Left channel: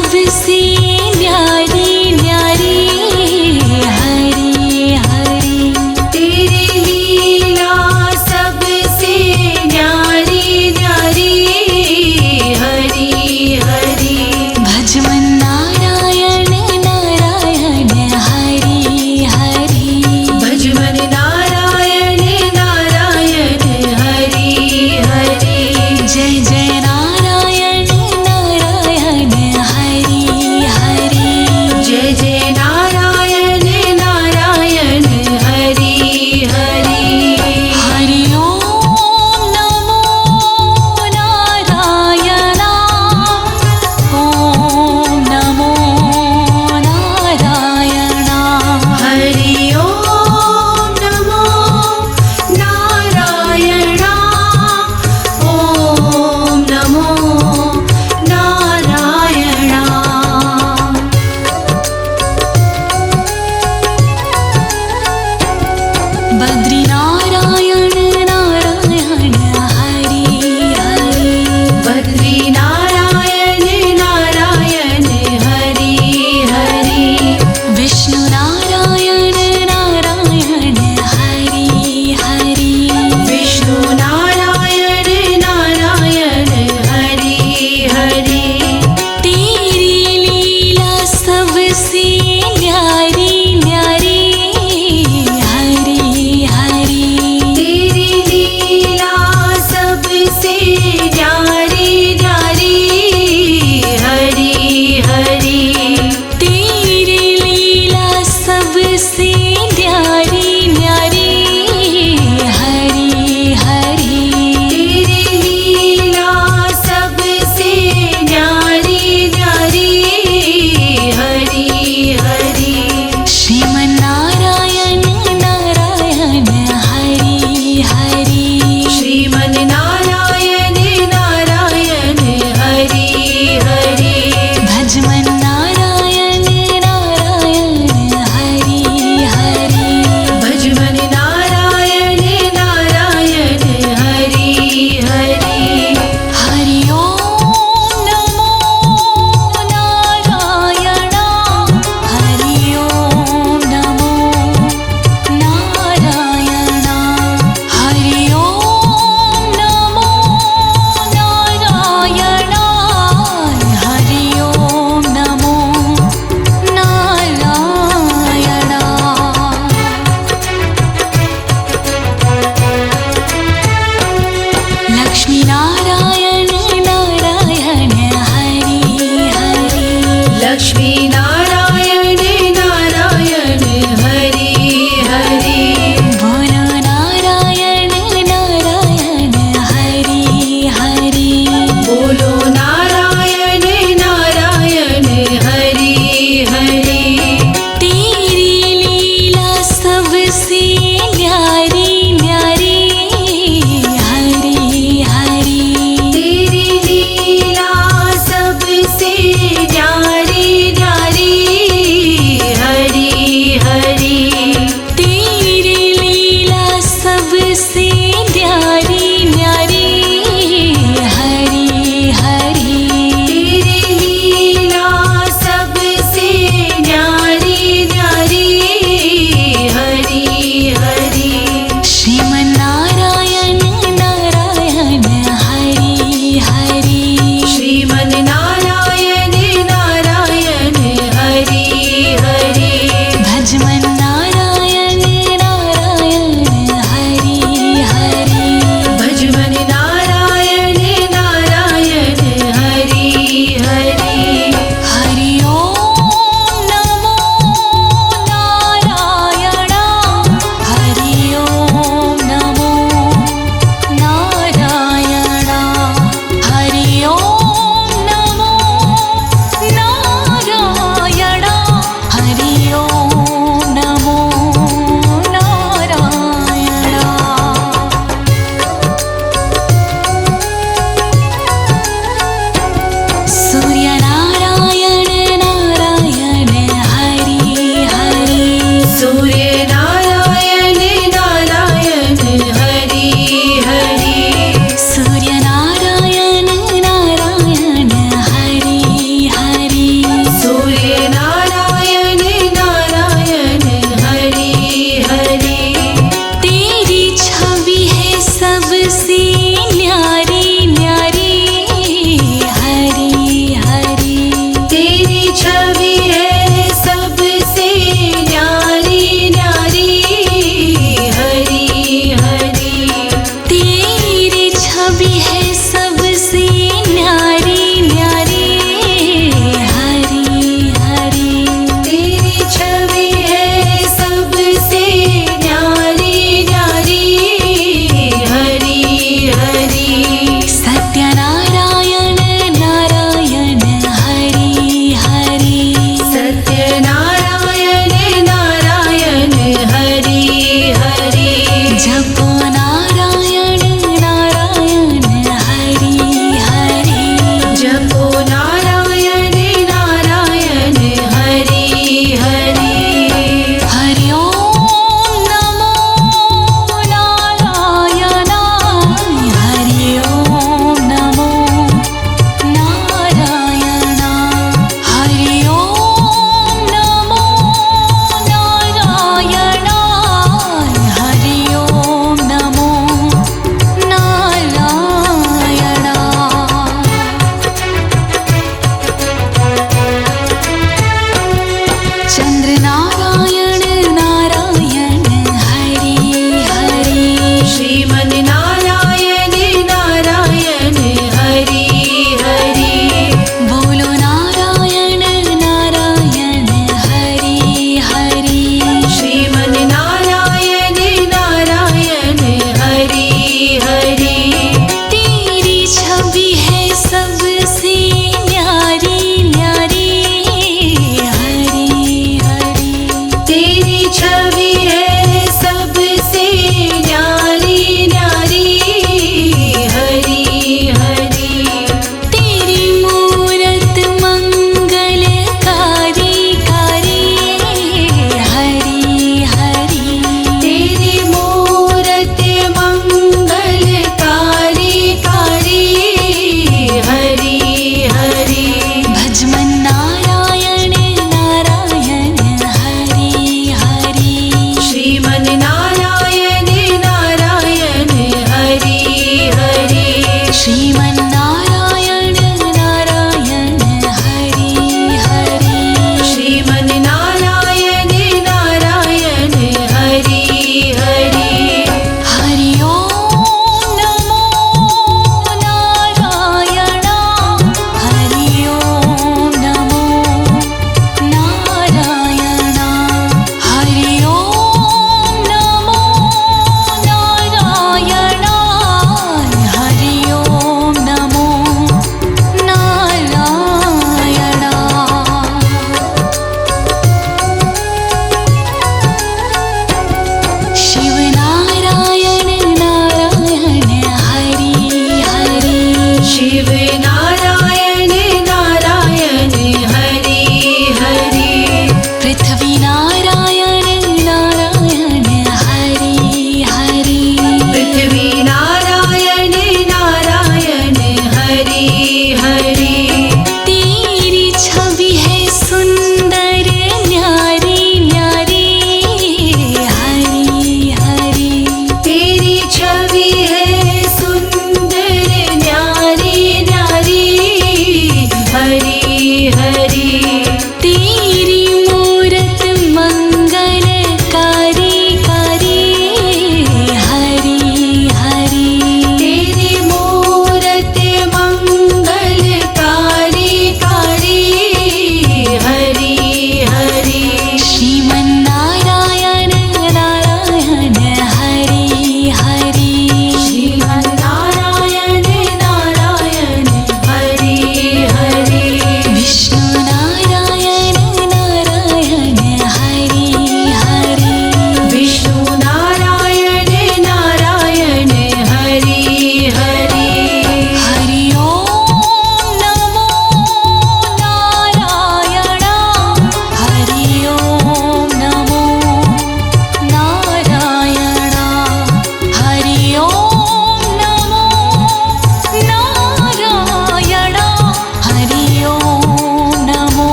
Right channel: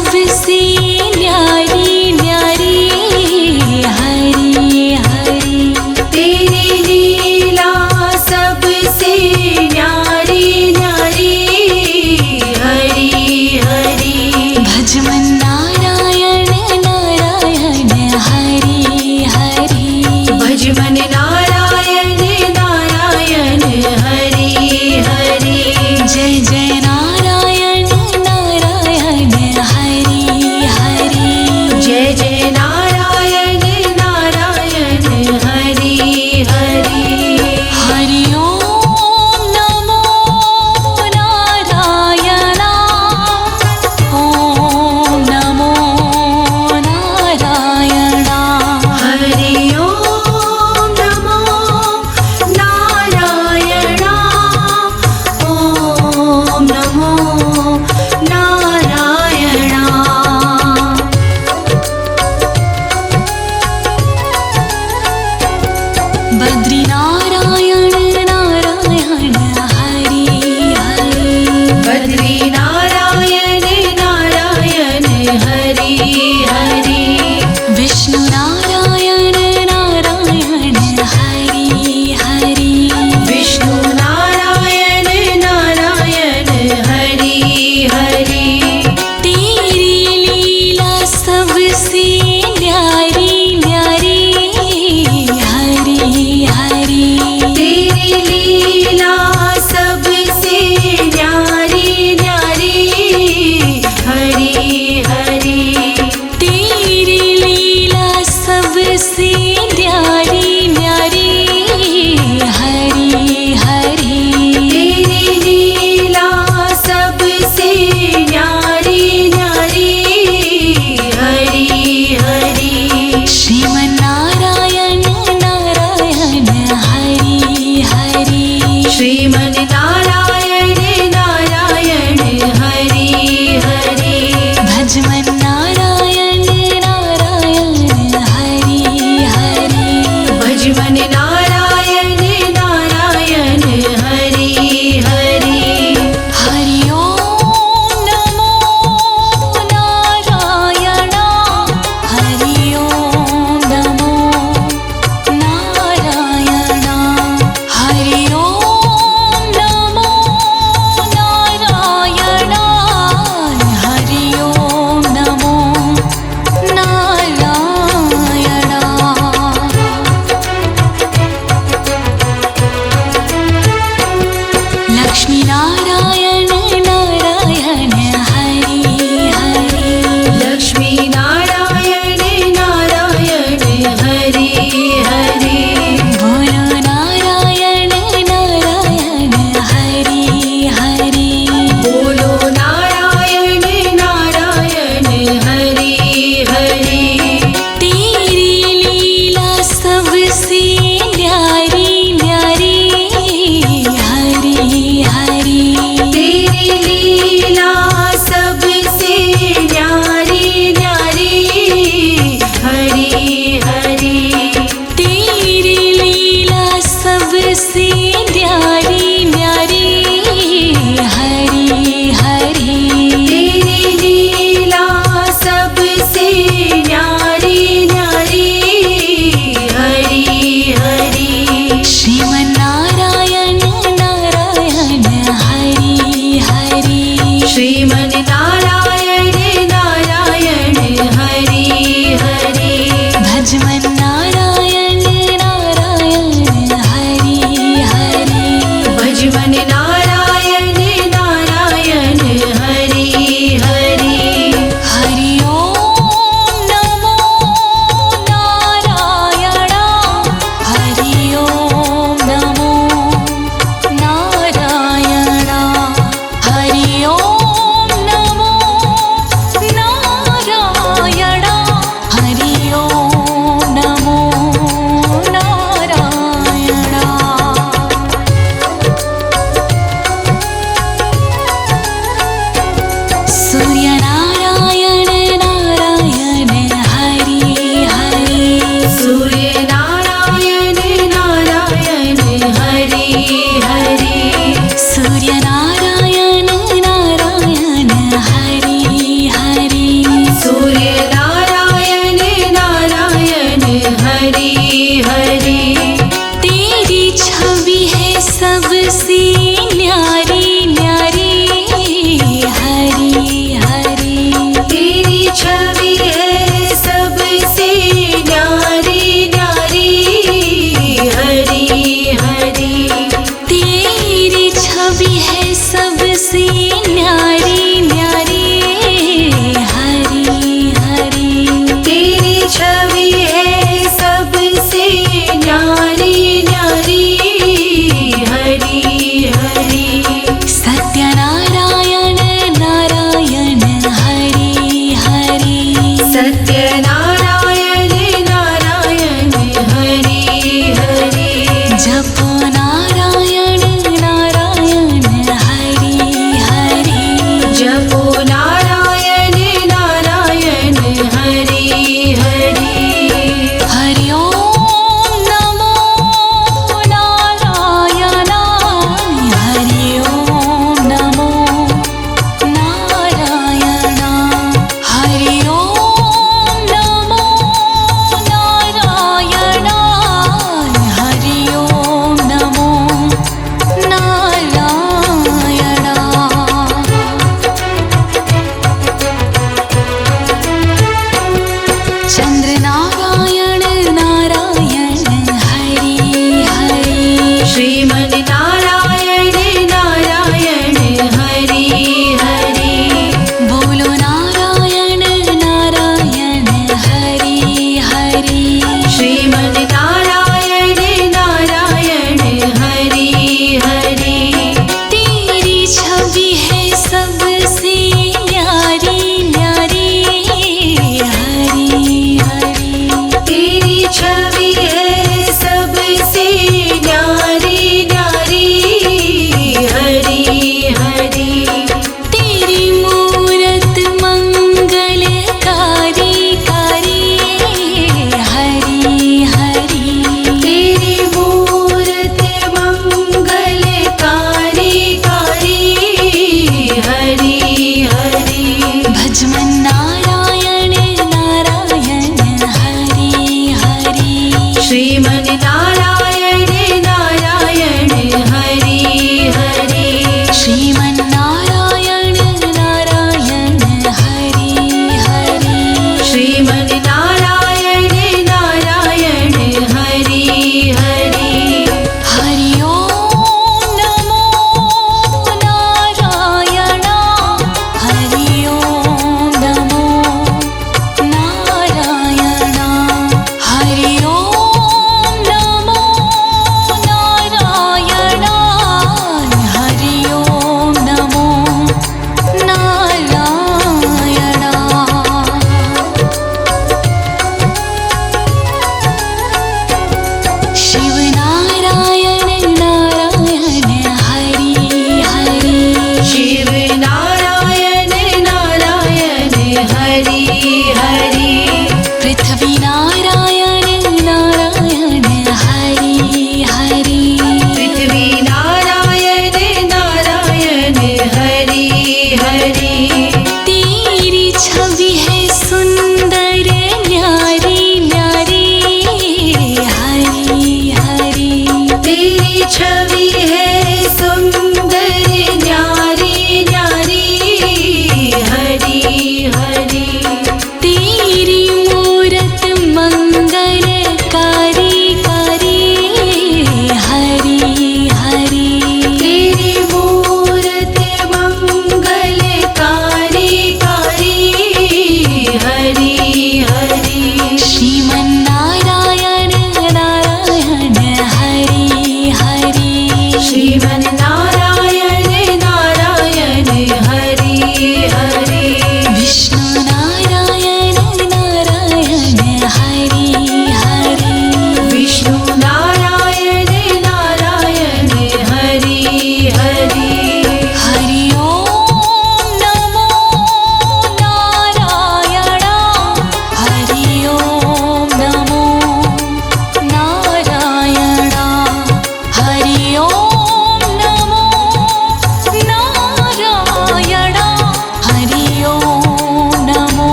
सबसे न्यारी न्यारी हरी हरी। तेरी लीला सबसे न्यारी न्यारी हरी हरी। भज मन नारायण नारायण हरी हरी। भज मन नारायण नारायण हरी हरी। जय जय नारायण नारायण हरी हरी। जय जय नारायण नारायण हरी हरी। हरि ओम नमो नारायण। ओम नमो नारायण। हरि ओम नमो नारायण। ओम नमो नारायण। बद्री नारायण नारायण हरि हरि। बद्री नारायण नारायण हरि हरि। विष्णु नारायण नारायण हरि हरि। विष्णु नारायण नारायण हरि हरि। तेरी लीला सबसे न्यारी न्यारी हरि हरि। तेरी लीला सबसे न्यारी न्यारी हरि हरि। तेरी लीला सबसे न्यारी न्यारी हरि हरि। तेरी लीला सबसे न्यारी न्यारी हरि हरि। श्रीमन नारायण नारायण हरि हरि। श्रीमन नारायण नारायण हरि हरि। भज मन नारायण नारायण हरि हरि। भज मन नारायण नारायण हरि हरि। हरि ओम नमो नारायण। हरि ओम नमो नारायण। हरि ओम नमो नारायण। हरि ओम नमो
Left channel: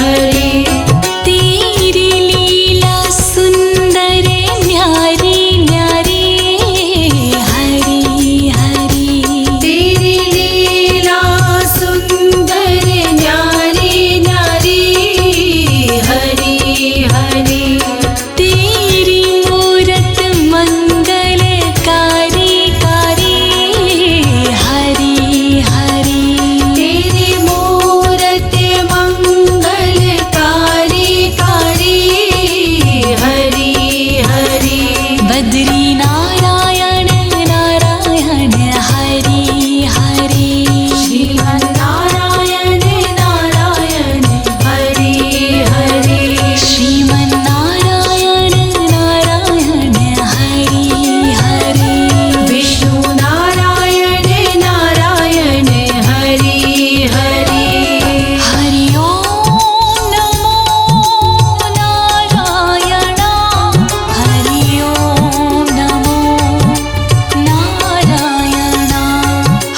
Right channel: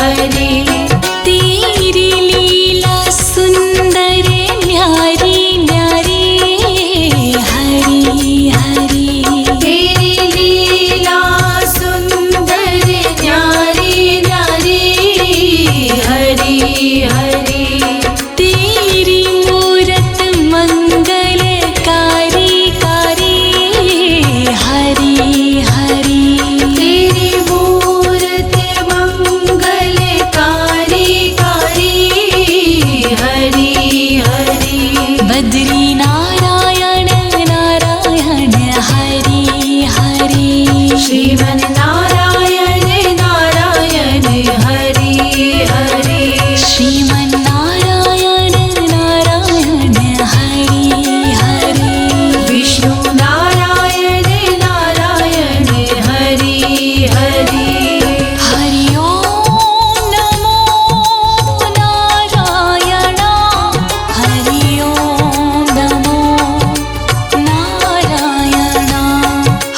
हरि तेरी लीला सुंदर न्यारी न्यारी हरि हरि तेरी लीला सुंदर न्यारी न्यारी हरि हरि तेरी मूरत मंगलकारी कारी हरि हरि तेरी मूरत मंगलकारी कारी हरि हरि बद्री नारायण नारायण हरि हरि श्रीमन्नारायण नारायण हरि हरि श्रीमन्नारायण नारायण हरि हरि विष्णु नारायण नारायण हरि हरि हरि ओम नमो नारायण हरि ओम नमो नारायण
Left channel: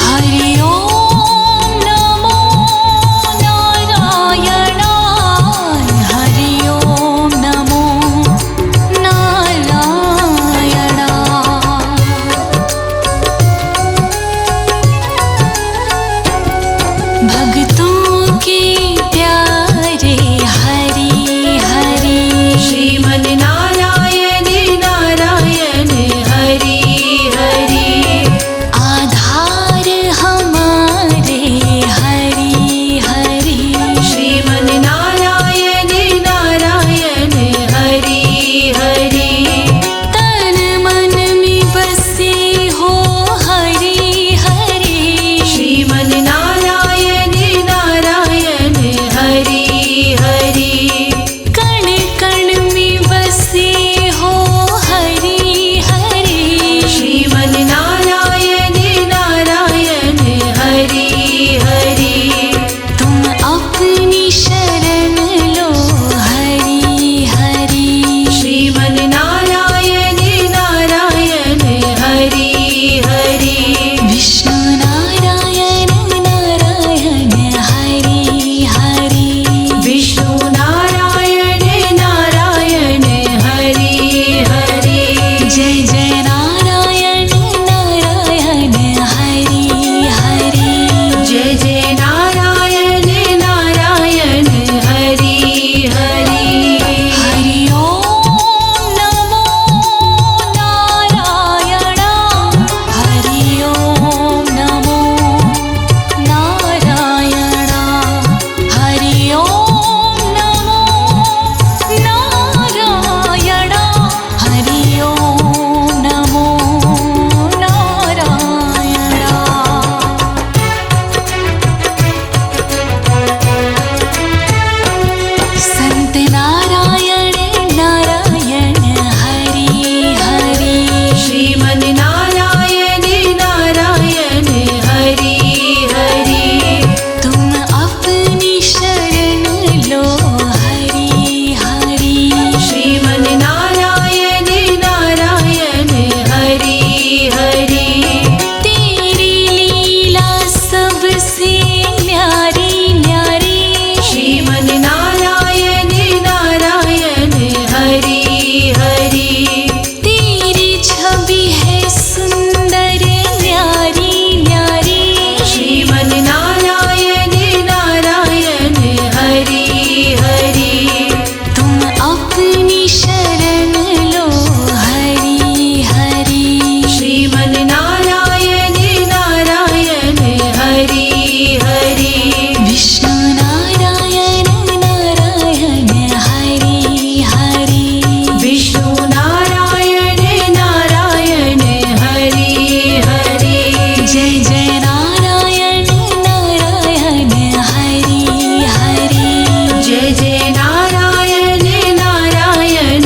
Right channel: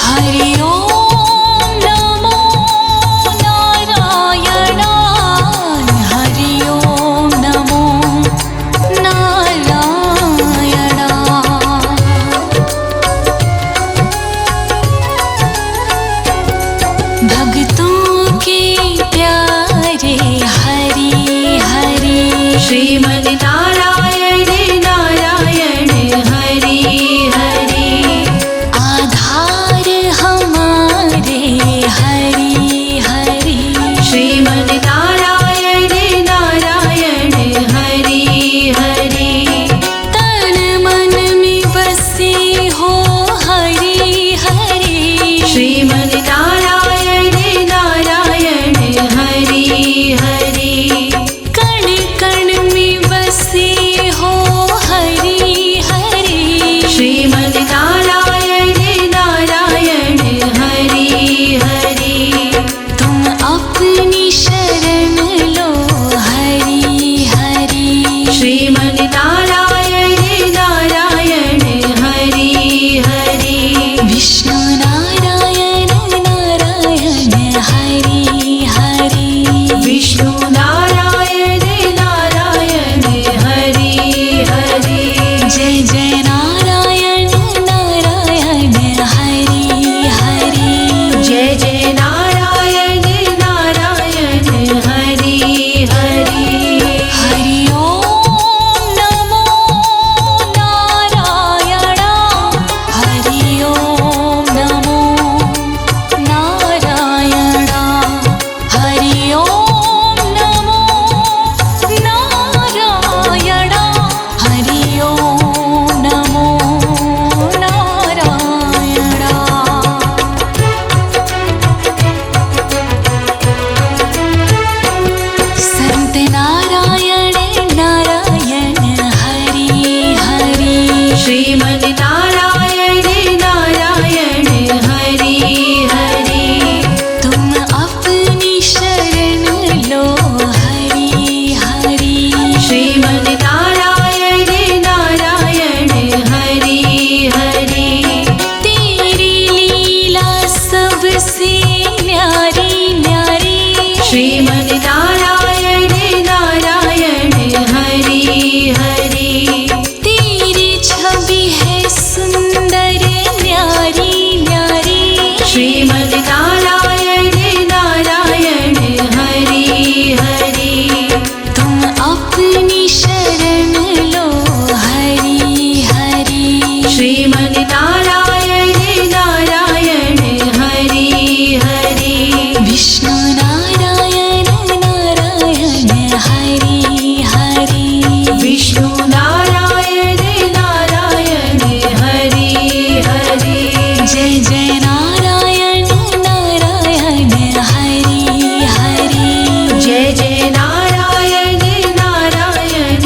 हरि ओम नमो नारायण हरि ओम नमो नारायण भक्तों के प्यारे हरि हरि श्रीमन्नारायण नारायण हरि हरि आधार हमारे हरि हरि श्रीमन्नारायण नारायण हरि हरि तन मन में बसे हो हरि हरि श्रीमन्नारायण नारायण हरि हरि कण कण में बसे हो हरि हरि श्रीमन्नारायण नारायण हरि हरि तुम अपनी शरण लो हरि हरि श्रीमन्नारायण नारायण हरि हरि विष्णु नारायण नारायण हरि हरि विष्णु नारायण नारायण हरि हरि जय जय नारायण नारायण हरि हरि जय जय नारायण नारायण हरि हरि हरि ओम नमो नारायण हरि ओम नमो नारायण हरि ओम नमो नारायण हरि ओम नमो नारायण संत नारायण नारायण हरि हरि श्रीमन्नारायण नारायण हरि हरि तुम अपनी शरण लो हरि हरि श्रीमन्नारायण नारायण हरि हरि तेरी लीला सबसे न्यारी न्यारी श्रीमन्नारायण नारायण हरि हरि तेरी छवि है सुंदर न्यारी न्यारी श्रीमन्नारायण नारायण हरि हरि तुम अपनी शरण लो हरि हरि श्रीमन्नारायण नारायण हरि हरि विष्णु नारायण नारायण हरि हरि विष्णु नारायण नारायण हरि हरि जय जय नारायण नारायण हरि हरि जय जय नारायण नारायण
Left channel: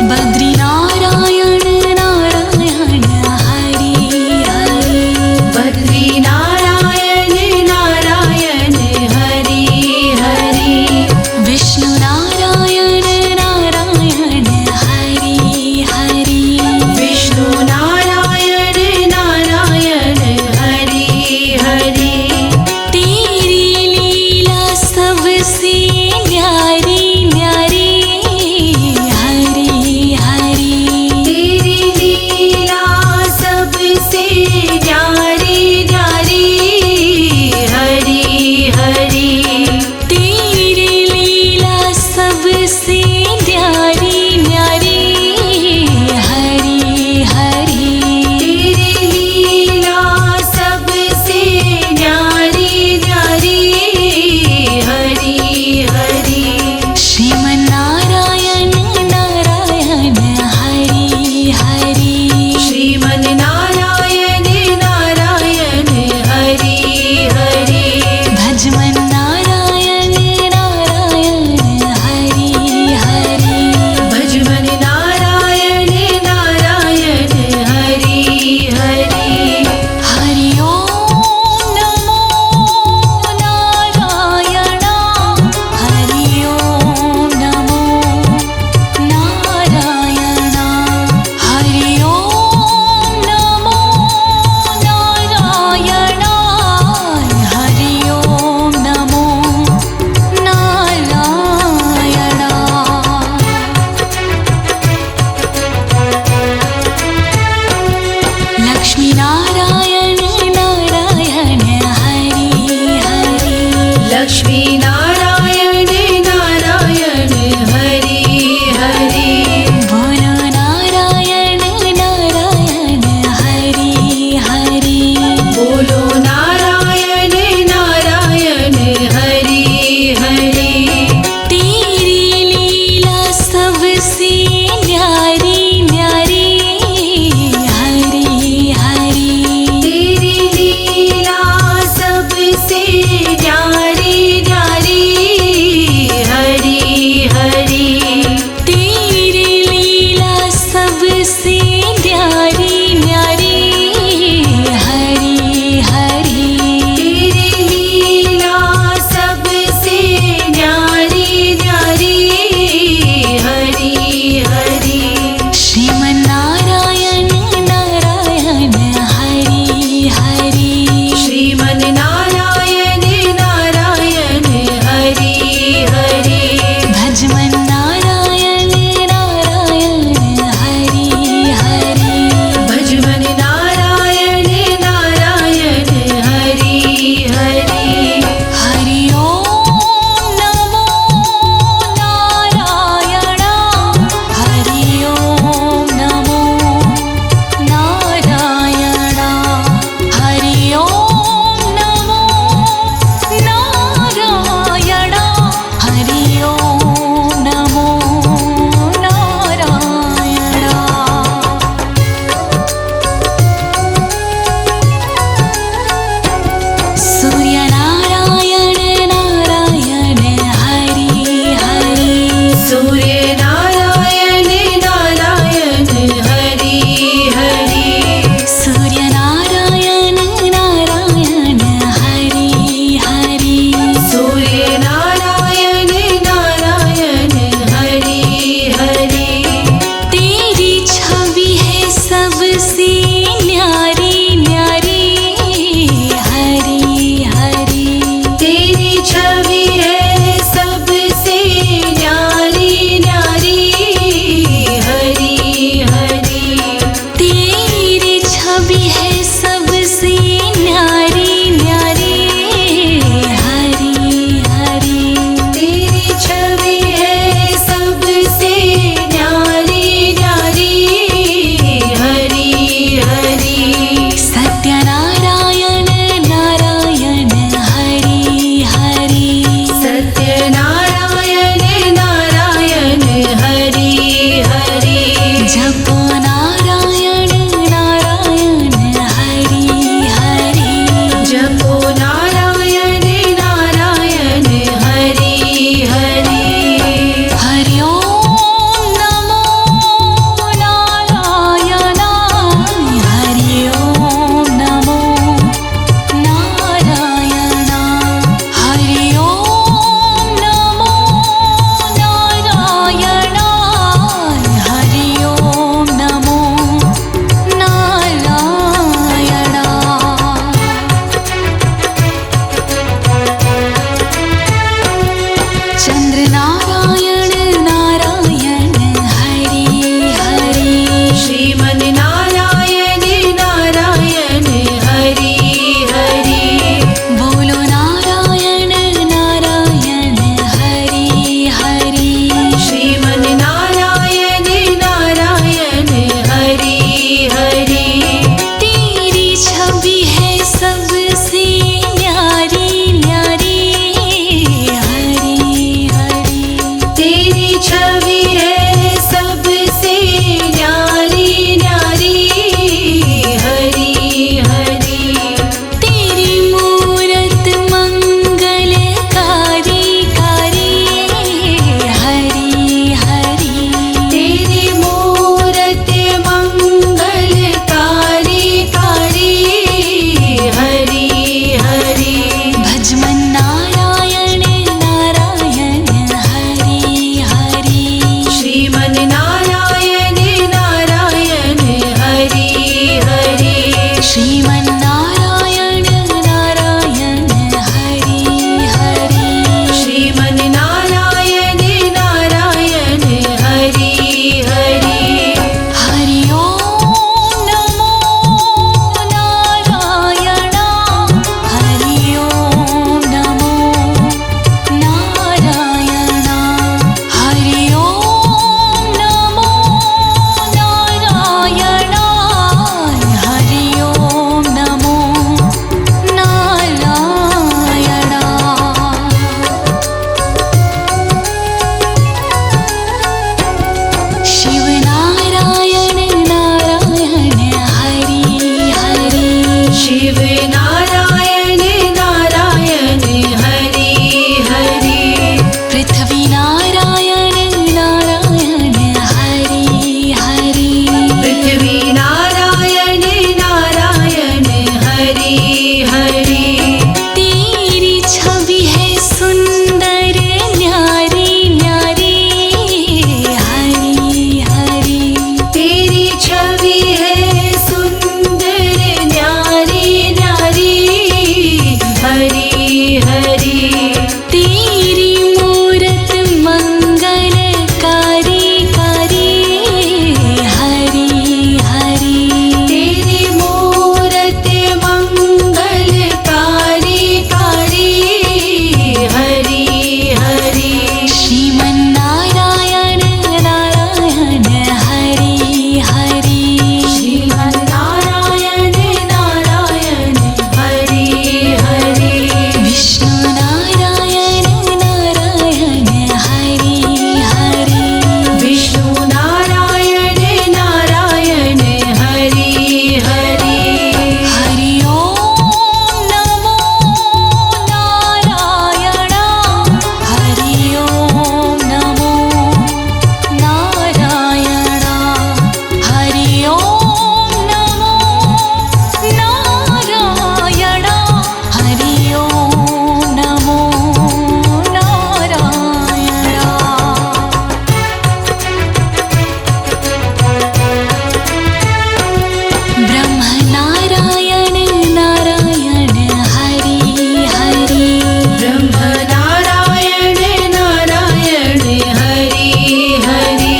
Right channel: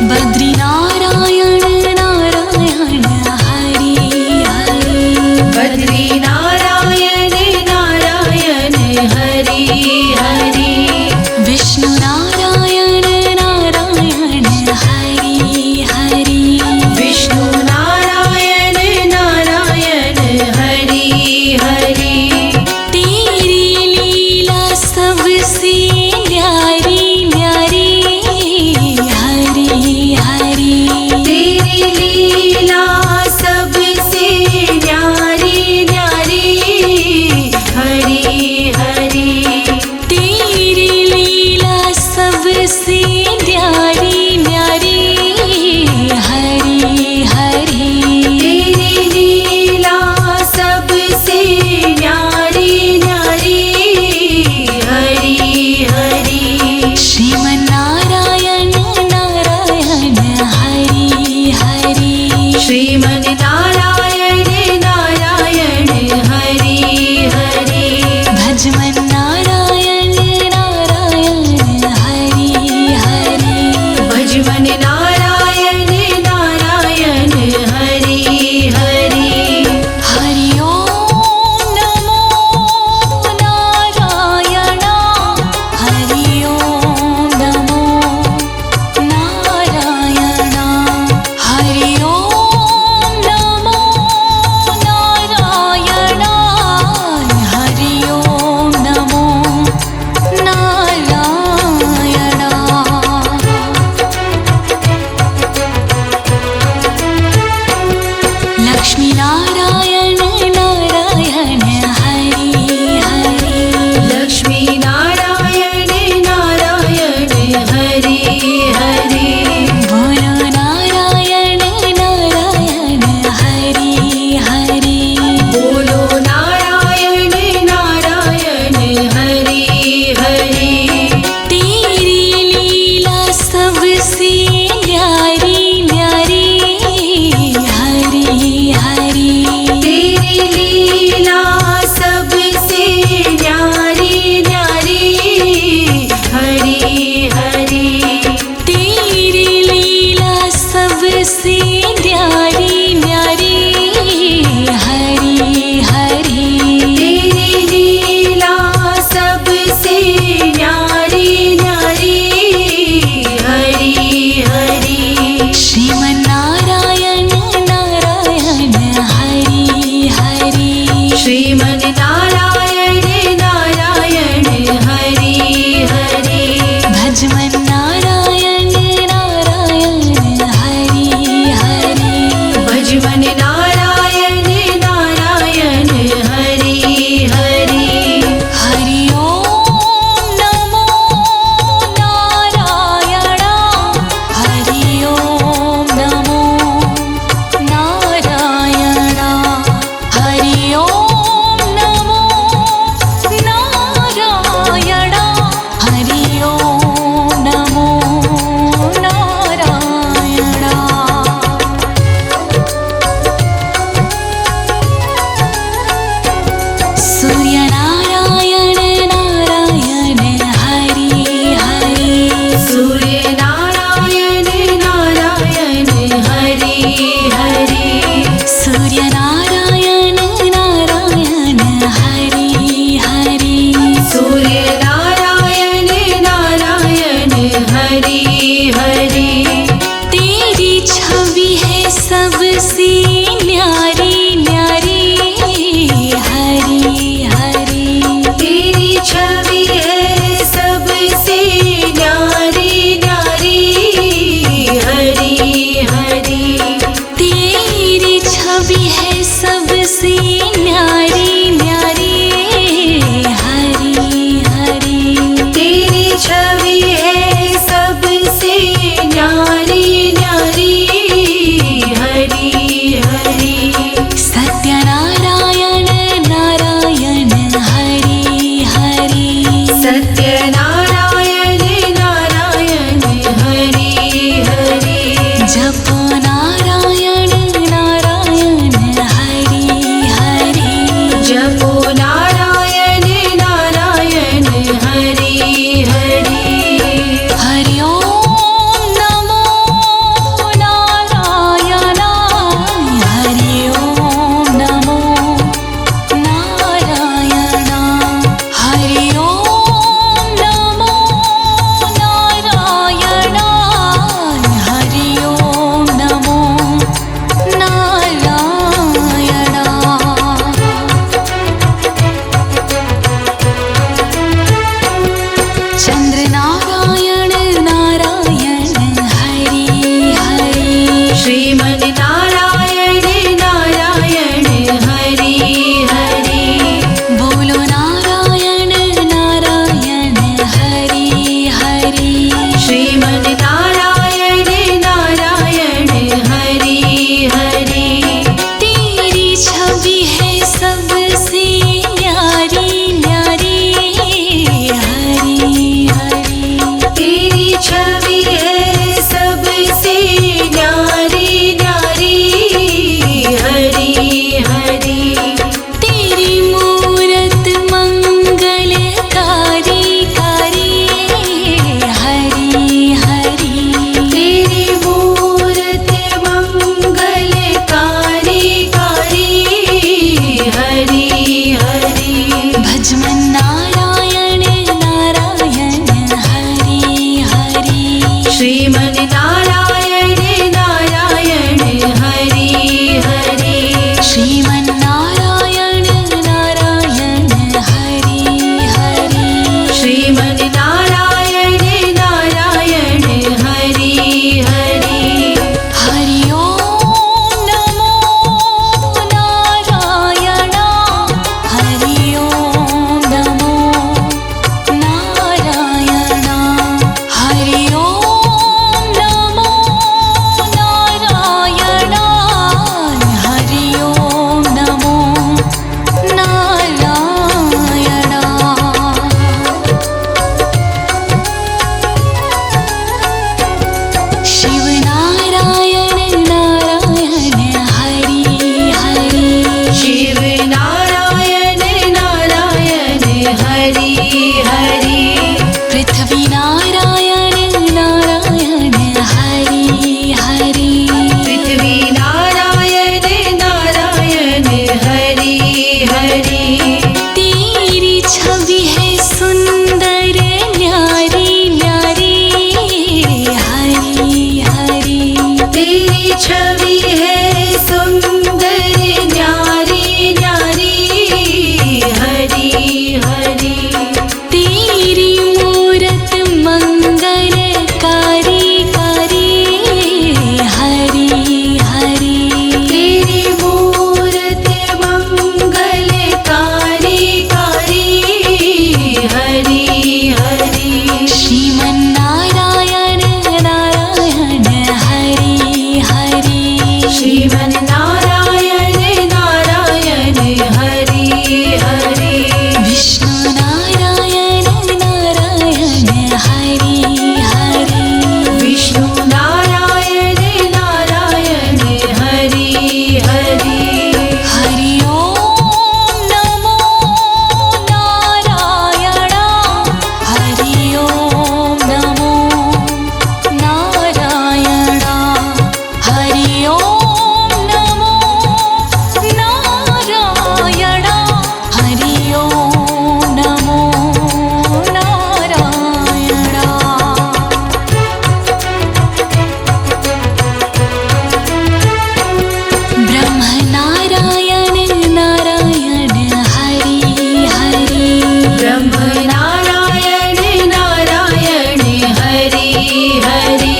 बद्री नारायण नारायण हरि हरि बद्री नारायण नारायण हरि हरि विष्णु नारायण नारायण हरि हरि विष्णु नारायण नारायण हरि हरि तेरी लीला सबसे न्यारी न्यारी हरि हरि तेरी लीला सबसे न्यारी न्यारी हरि हरि तेरी लीला सबसे न्यारी न्यारी हरि हरि तेरी लीला सबसे न्यारी न्यारी हरि हरि श्रीमन्नारायण नारायण हरि हरि श्रीमन् नारायण नारायण हरि हरि भजमन्नारायण नारायण हरि हरि भजमन् नारायण नारायण हरि हरि हरि ओम नमो नारायण हरि ओम नमो नारायण हरि ओम नमो नारायण हरि ओम नमो नारायण लक्ष्मी नारायण नारायण हरि हरि लक्ष्मी नारायण नारायण हरि हरि बोलो नारायण नारायण हरि हरि बोलो नारायण नारायण हरि हरि तेरी लीला सबसे न्यारी न्यारी हरि हरि तेरी लीला सबसे न्यारी न्यारी हरि हरि तेरी लीला सबसे न्यारी न्यारी हरि हरि तेरी लीला सबसे न्यारी न्यारी हरि हरि श्रीमन्नारायण नारायण हरि हरि श्रीमन् नारायण नारायण हरि हरि भजमन्नारायण नारायण हरि हरि भजमन् नारायण नारायण हरि हरि हरि ओम नमो नारायण हरि ओम नमो नारायण हरि ओम नमो नारायण हरि ओम नमो नारायण सूर्यनारायण नारायण हरि हरि सूर्य नारायण नारायण हरि हरि सूर्यनारायण नारायण हरि हरि सूर्य नारायण नारायण हरि हरि तेरी छवि है सबसे न्यारी न्यारी हरि हरि तेरी छवि है सबसे न्यारी न्यारी हरि हरि तेरी छवि है सबसे न्यारी न्यारी हरि हरि तेरी छवि है सबसे न्यारी न्यारी हरि हरि श्रीमन् नारायण नारायण हरि हरि श्रीमन्नारायण नारायण हरि हरि श्रीमन् नारायण नारायण हरि हरि हरि ओम नमो नारायण हरि ओम नमो नारायण हरि ओम नमो नारायण हरि ओम नमो नारायण शिव नारायण नारायण हरि हरि शिव नारायण नारायण हरि हरि पृथ्वी नारायण नारायण हरि हरि पृथ्वी नारायण नारायण हरि हरि तेरी छवि है सुंदर न्यारी न्यारी हरि हरि तेरी छवि है सुंदर न्यारी न्यारी हरि हरि तेरी मूरत मंगलकारी कारी हरि हरि तेरी मूरत मंगलकारी कारी हरि हरि श्रीमन्नारायण नारायण हरि हरि श्रीमन् नारायण नारायण हरि हरि विष्णु नारायण नारायण हरि हरि विष्णु नारायण नारायण हरि हरि हरि ओम नमो नारायण हरि ओम नमो नारायण हरि ओम नमो नारायण हरि ओम नमो नारायण ब्रह्म नारायण नारायण हरि हरि ब्रह्म नारायण नारायण हरि हरि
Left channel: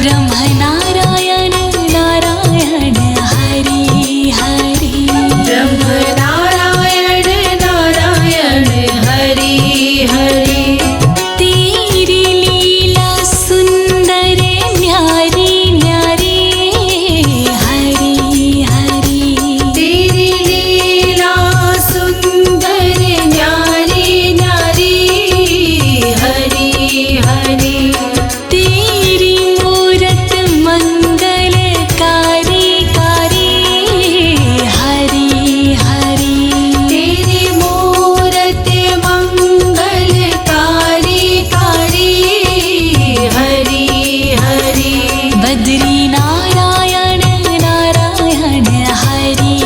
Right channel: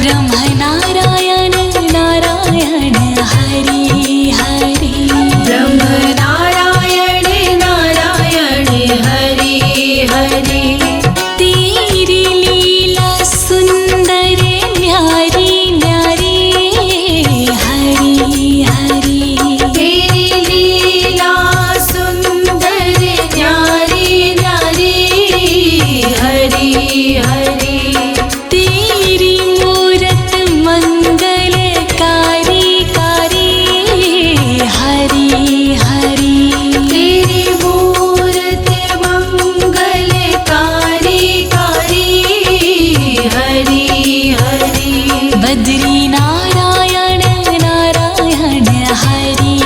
ब्रह्म नारायण नारायण हरि हरि ब्रह्म नारायण नारायण हरि हरि तेरी लीला सुंदर न्यारी न्यारी हरि हरि तेरी लीला सुंदर न्यारी न्यारी हरि हरि तेरी मूरत मंगलकारी कारी हरि हरि तेरी मूरत मंगलकारी कारी हरि हरि बद्री नारायण नारायण हरि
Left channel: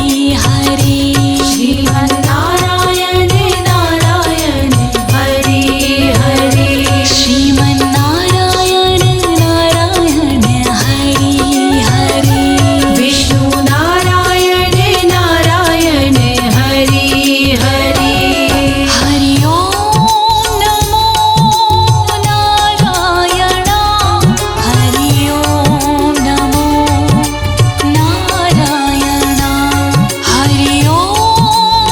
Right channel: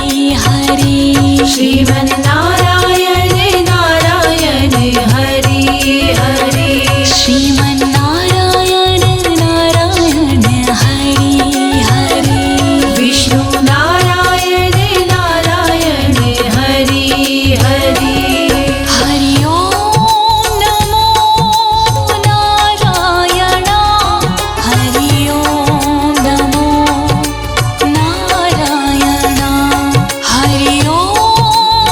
हरि श्रीमन् नारायण नारायण हरि हरि श्रीमन्नारायण नारायण हरि हरि विष्णु नारायण नारायण हरि हरि हरि ओम नमो नारायण हरि ओम नमो नारायण हरि ओम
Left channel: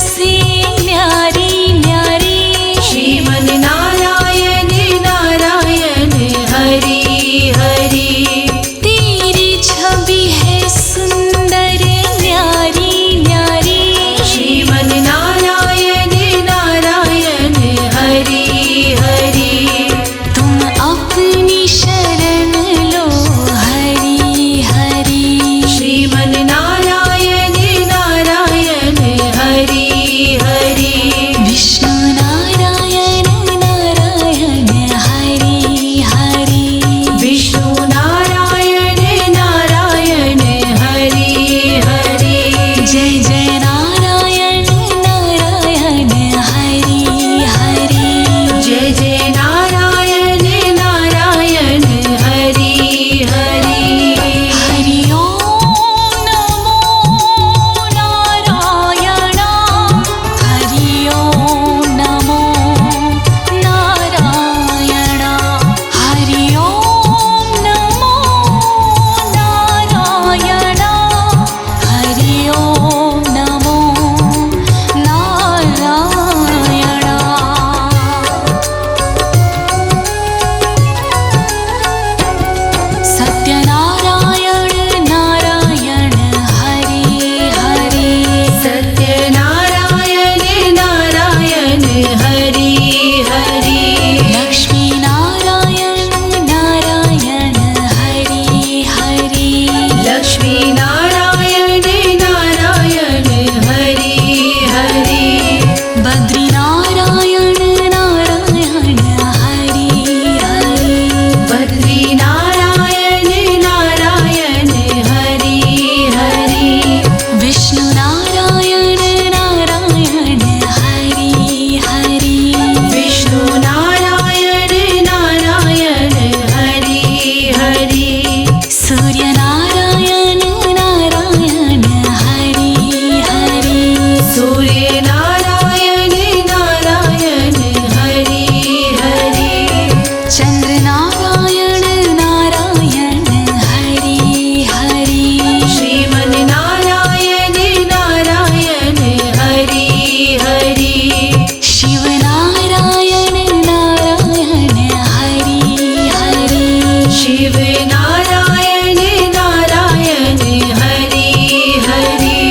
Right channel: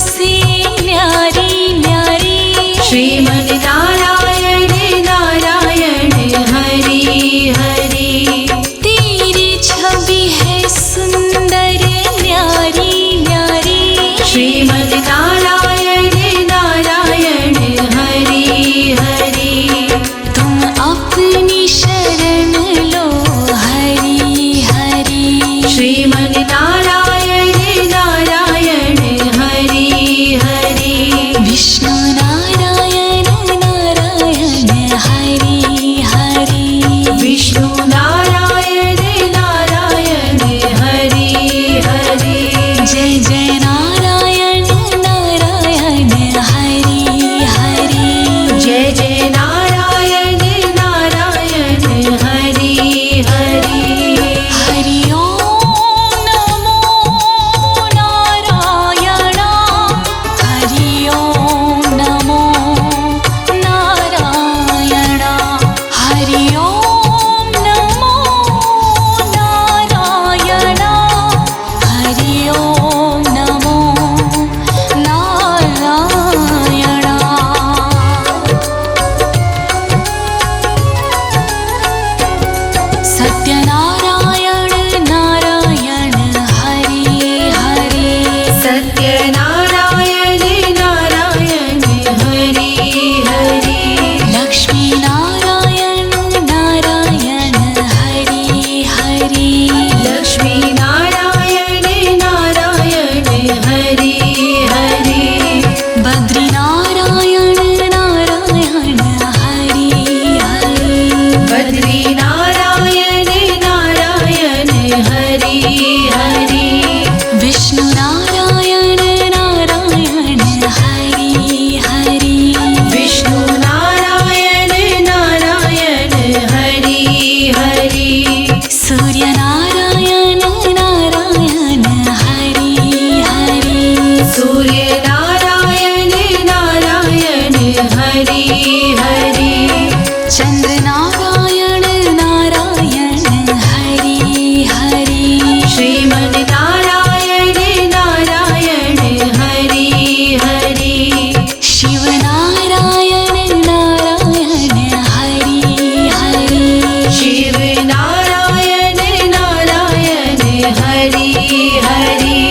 सबसे न्यारी न्यारी श्रीमन नारायण नारायण हरि हरि तेरी छवि है सुंदर न्यारी न्यारी श्रीमन नारायण नारायण हरि हरि तुम अपनी शरण लो हरि हरि श्रीमन नारायण नारायण हरि हरि विष्णु नारायण नारायण हरि हरि विष्णु नारायण नारायण हरि हरि जय जय नारायण नारायण हरि हरि जय जय नारायण नारायण हरि हरि हरि ओम नमो नारायण हरि ओम नमो नारायण हरि ओम नमो नारायण हरि ओम नमो नारायण सत्यनारायण नारायण हरि हरि सत्यनारायण नारायण हरि हरि लक्ष्मी नारायण नारायण हरि हरि लक्ष्मी नारायण नारायण हरि हरि बद्री नारायण नारायण हरि हरि बद्री नारायण नारायण हरि हरि विष्णु नारायण नारायण हरि हरि विष्णु नारायण नारायण हरि हरि सूर्य नारायण नारायण हरि हरि सूर्य नारायण नारायण हरि हरि चंद्र नारायण नारायण हरि हरि श्रीमन नारायण नारायण हरि हरि शिव नारायण नारायण हरि हरि शिव नारायण नारायण हरि हरि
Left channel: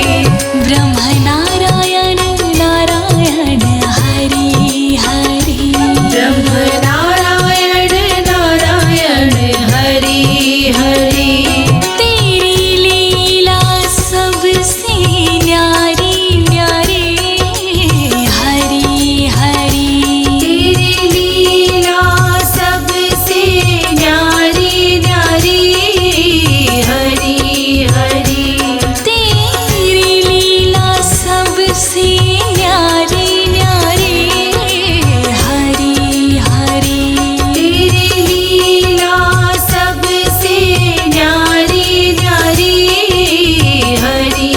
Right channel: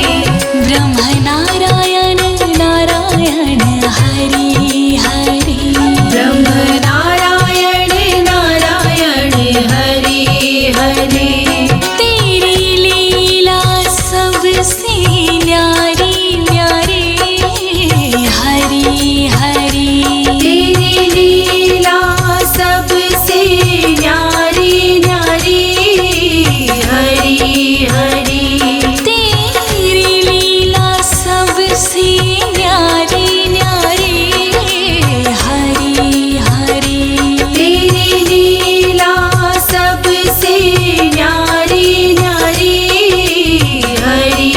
ब्रह्म नारायण नारायण हरि हरि ब्रह्म नारायण नारायण हरि हरि तेरी लीला सबसे न्यारी न्यारी हरि हरि तेरी लीला सबसे न्यारी न्यारी हरि हरि तेरी लीला सबसे न्यारी न्यारी हरि हरि तेरी लीला सबसे न्यारी न्यारी हरि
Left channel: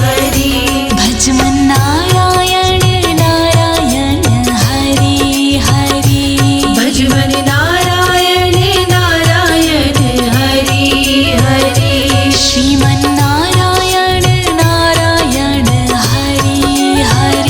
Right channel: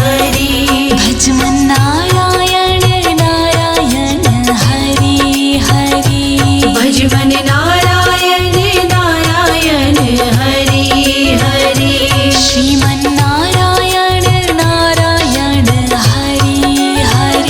हरि भजमन नारायण नारायण हरि हरि भजवन नारायण नारायण हरि हरि श्रीमन नारायण नारायण हरि हरि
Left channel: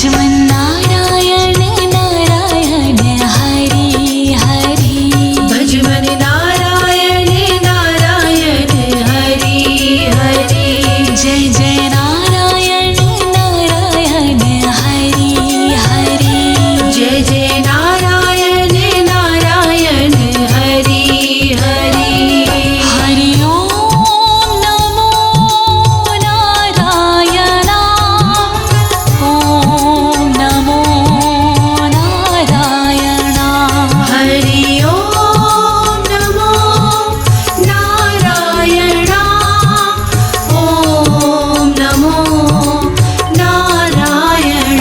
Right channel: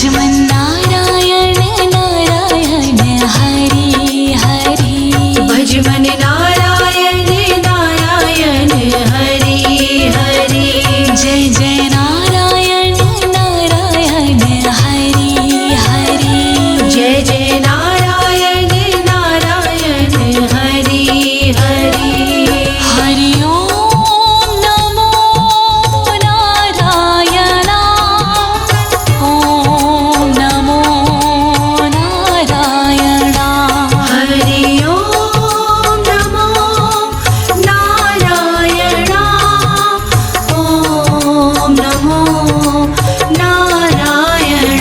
भजमन नारायण नारायण हरि हरि भजमन नारायण नारायण हरि हरि जय जय नारायण नारायण हरि हरि जय जय नारायण नारायण हरि हरि हरि ओम नमो नारायण ओम नमो नारायण हरि ओम नमो नारायण ओम नमो नारायण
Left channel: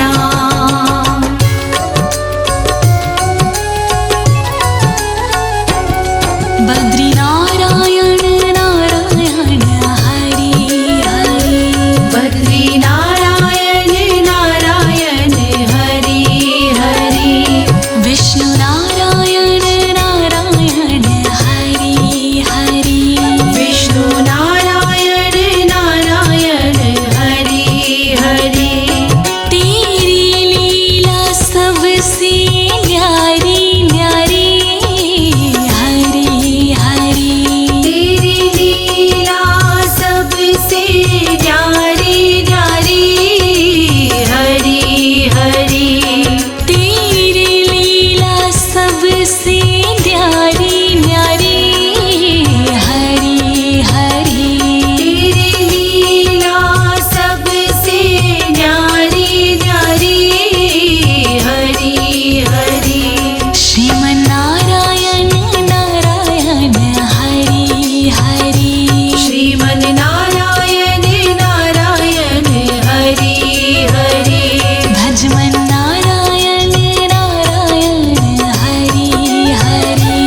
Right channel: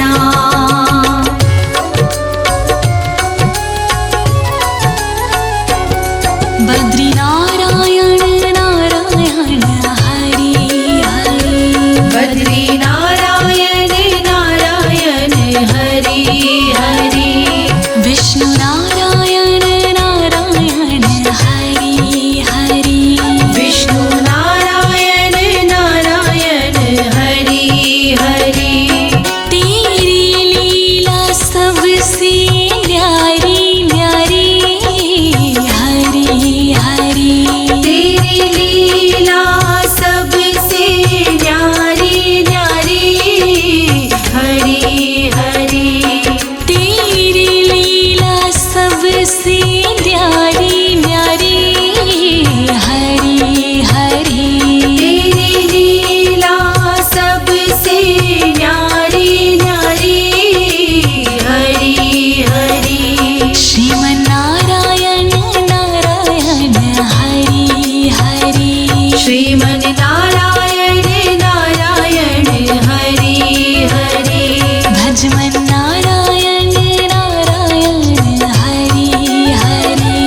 बद्री नारायण नारायण हरि हरि बद्री नारायण नारायण हरि हरि विष्णु नारायण नारायण हरि हरि विष्णु नारायण नारायण हरि हरि तेरी लीला सबसे न्यारी न्यारी हरि हरि तेरी लीला सबसे न्यारी न्यारी हरि हरि तेरी लीला सबसे न्यारी न्यारी हरि हरि तेरी लीला सबसे न्यारी न्यारी हरि हरि श्रीमन नारायण नारायण हरि हरि श्रीमन नारायण नारायण हरि हरि भजमन नारायण नारायण हरि हरि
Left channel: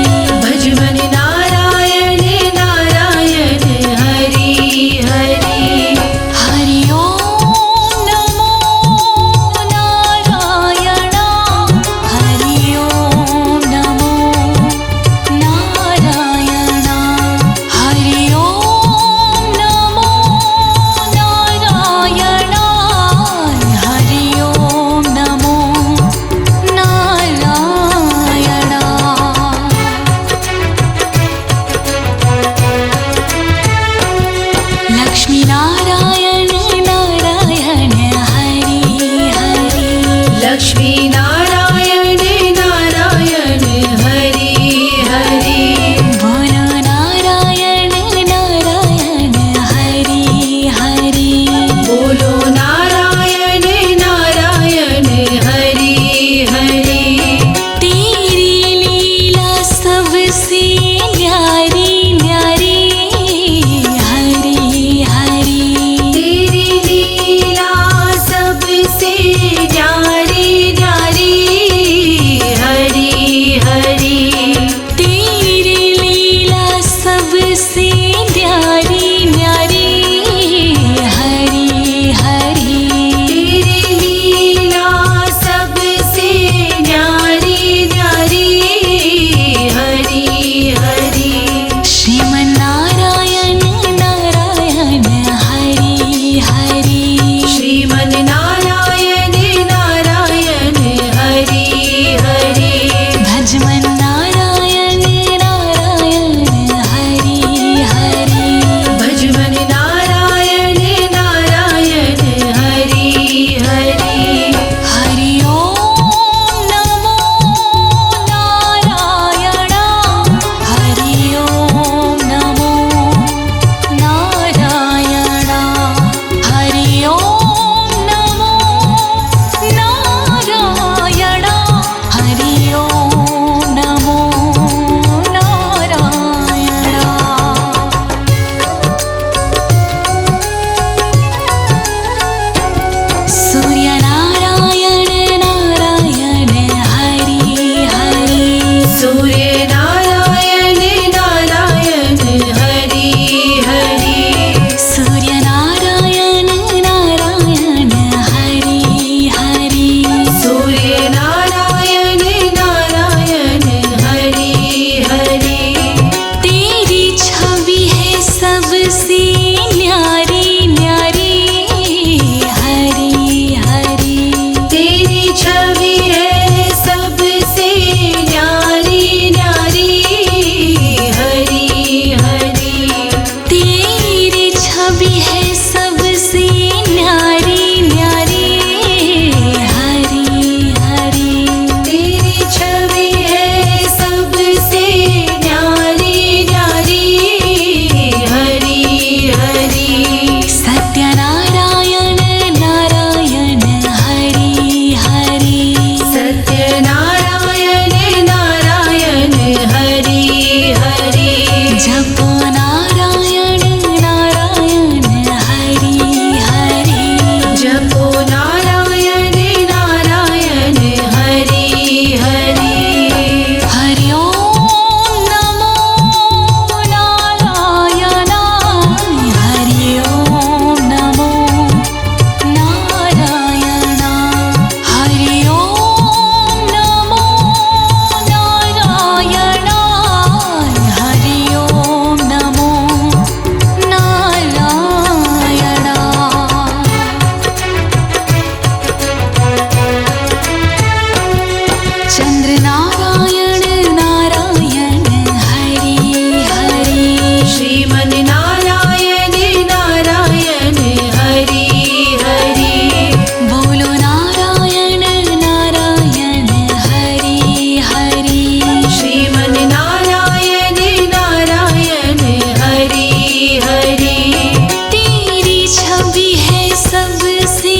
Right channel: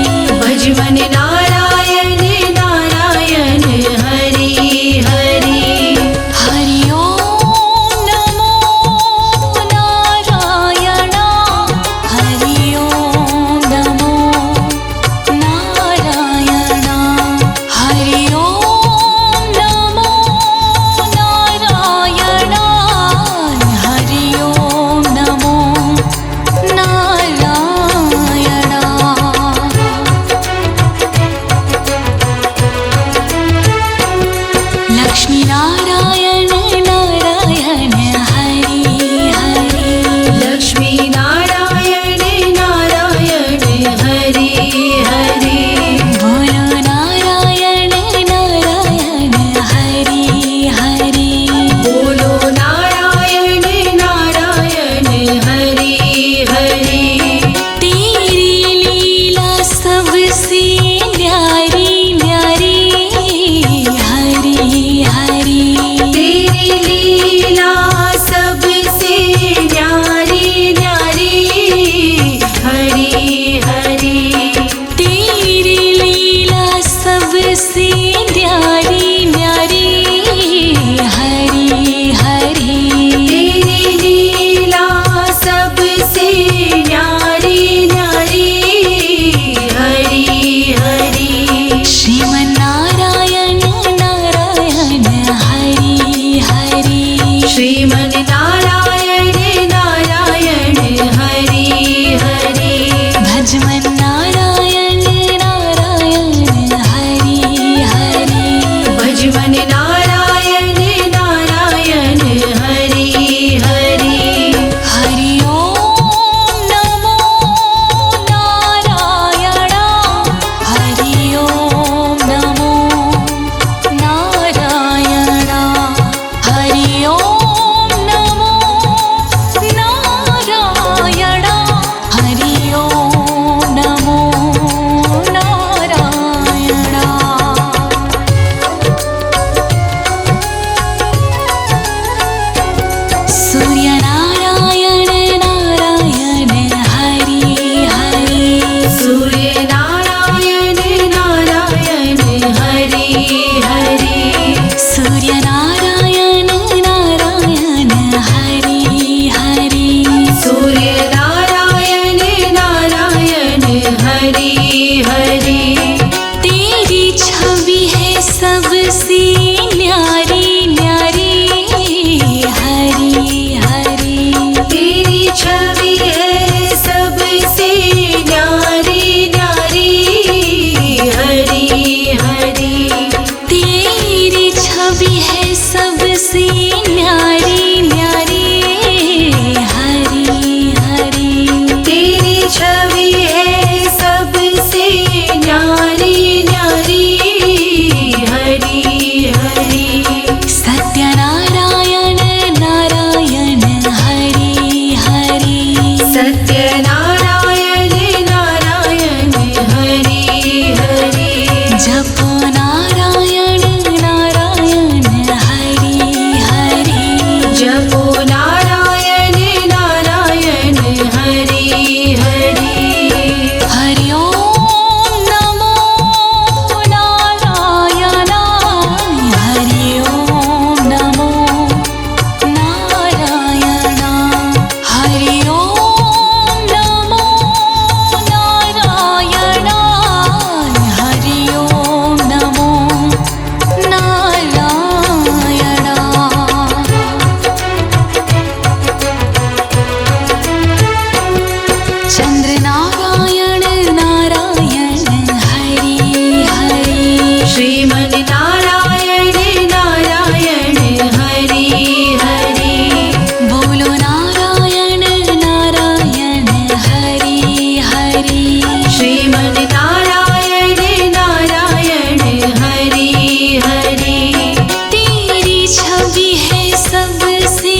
सबसे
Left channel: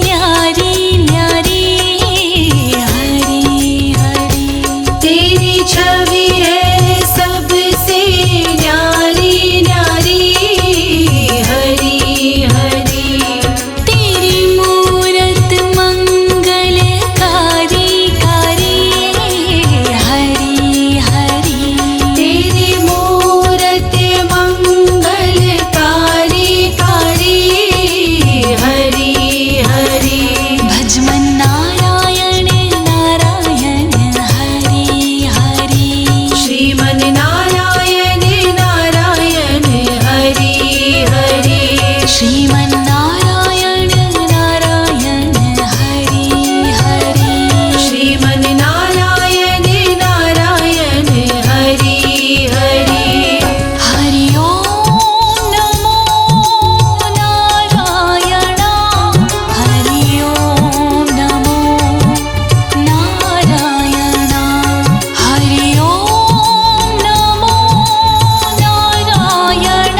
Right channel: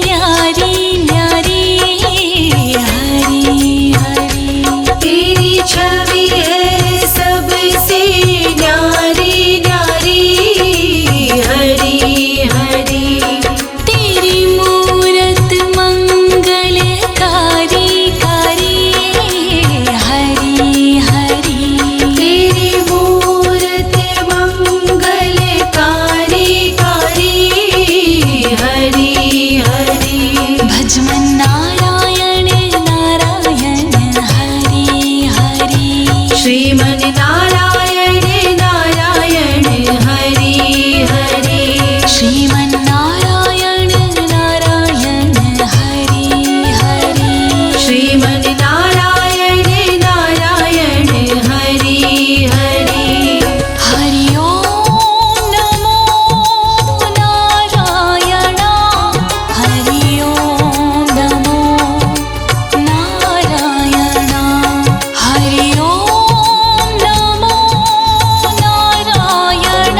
न्यारी न्यारी हरी हरी। तेरी छवि है सबसे न्यारी न्यारी हरी हरी। तेरी मूरत मंगलकारी कारी हरी हरी। तेरी मूरत मंगलकारी कारी हरी हरी। भजमन नारायण नारायण हरी हरी। श्रीमन नारायण नारायण हरि हरि। श्रीमन नारायण नारायण हरी हरी। श्रीमन नारायण नारायण हरि हरि। हरि ओम नमो नारायण। हरि ओम नमो नारायण। हरि ओम नमो नारायण।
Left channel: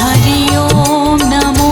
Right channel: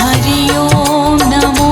हरि ओम नमो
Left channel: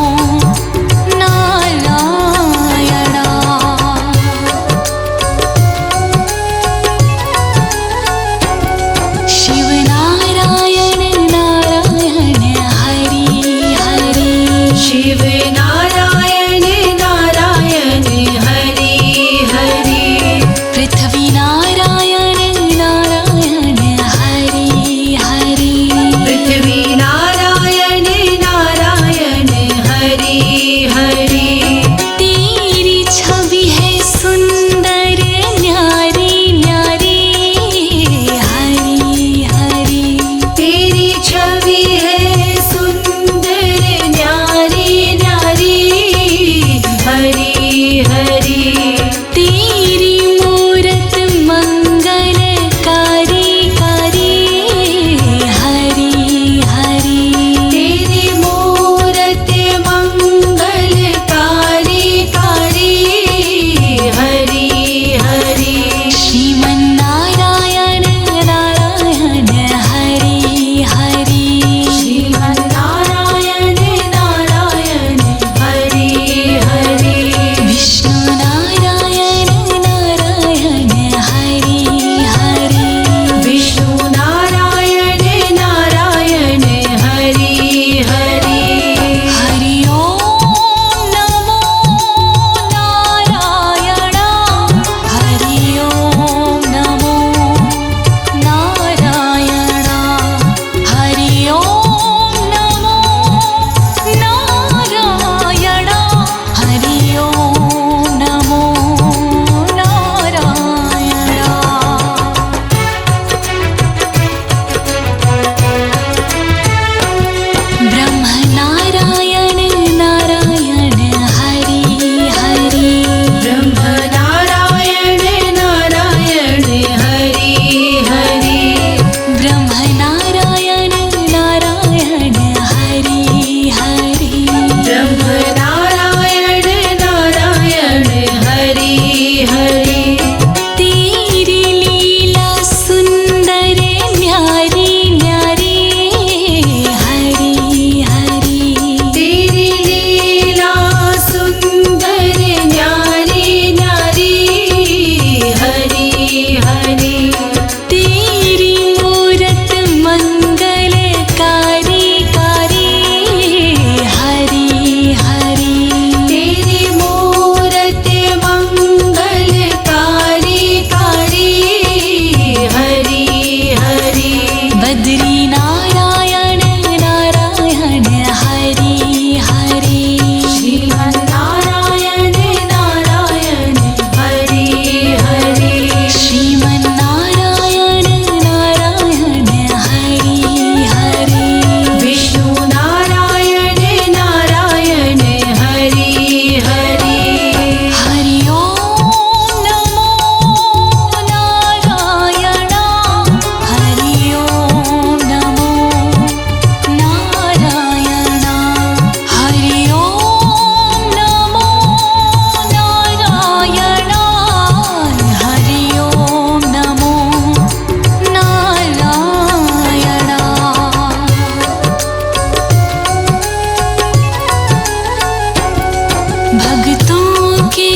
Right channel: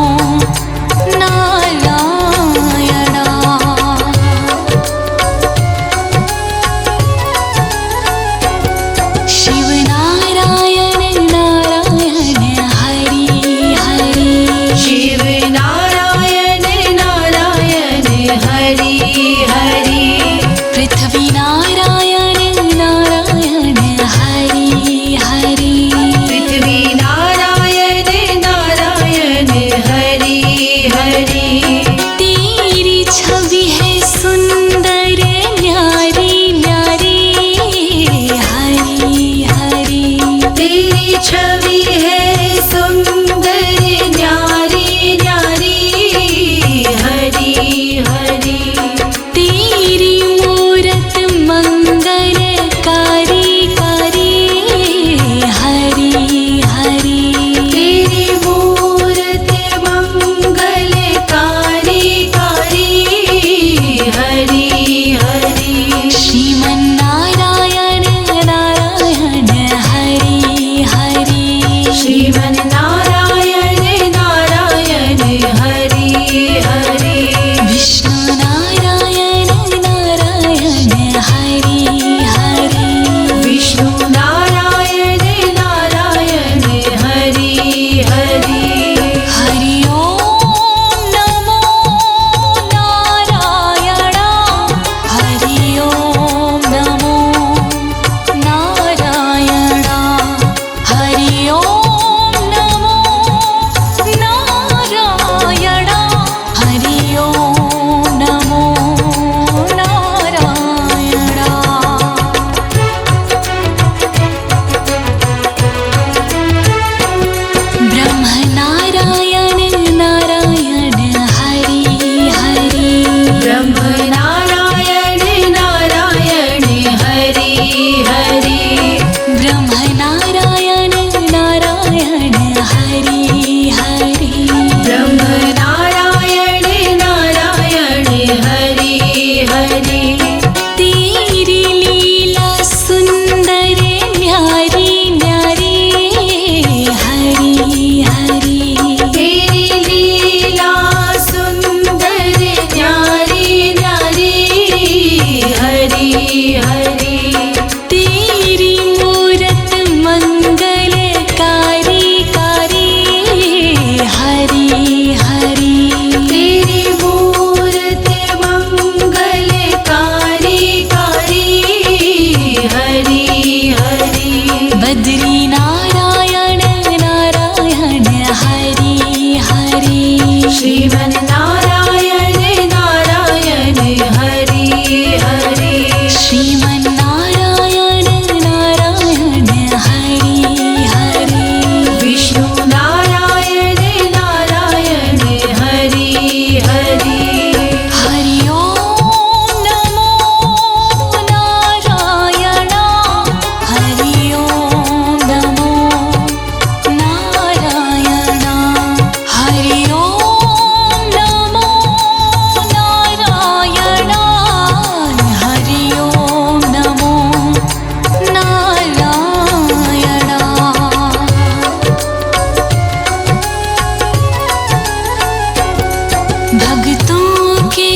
भक्तों के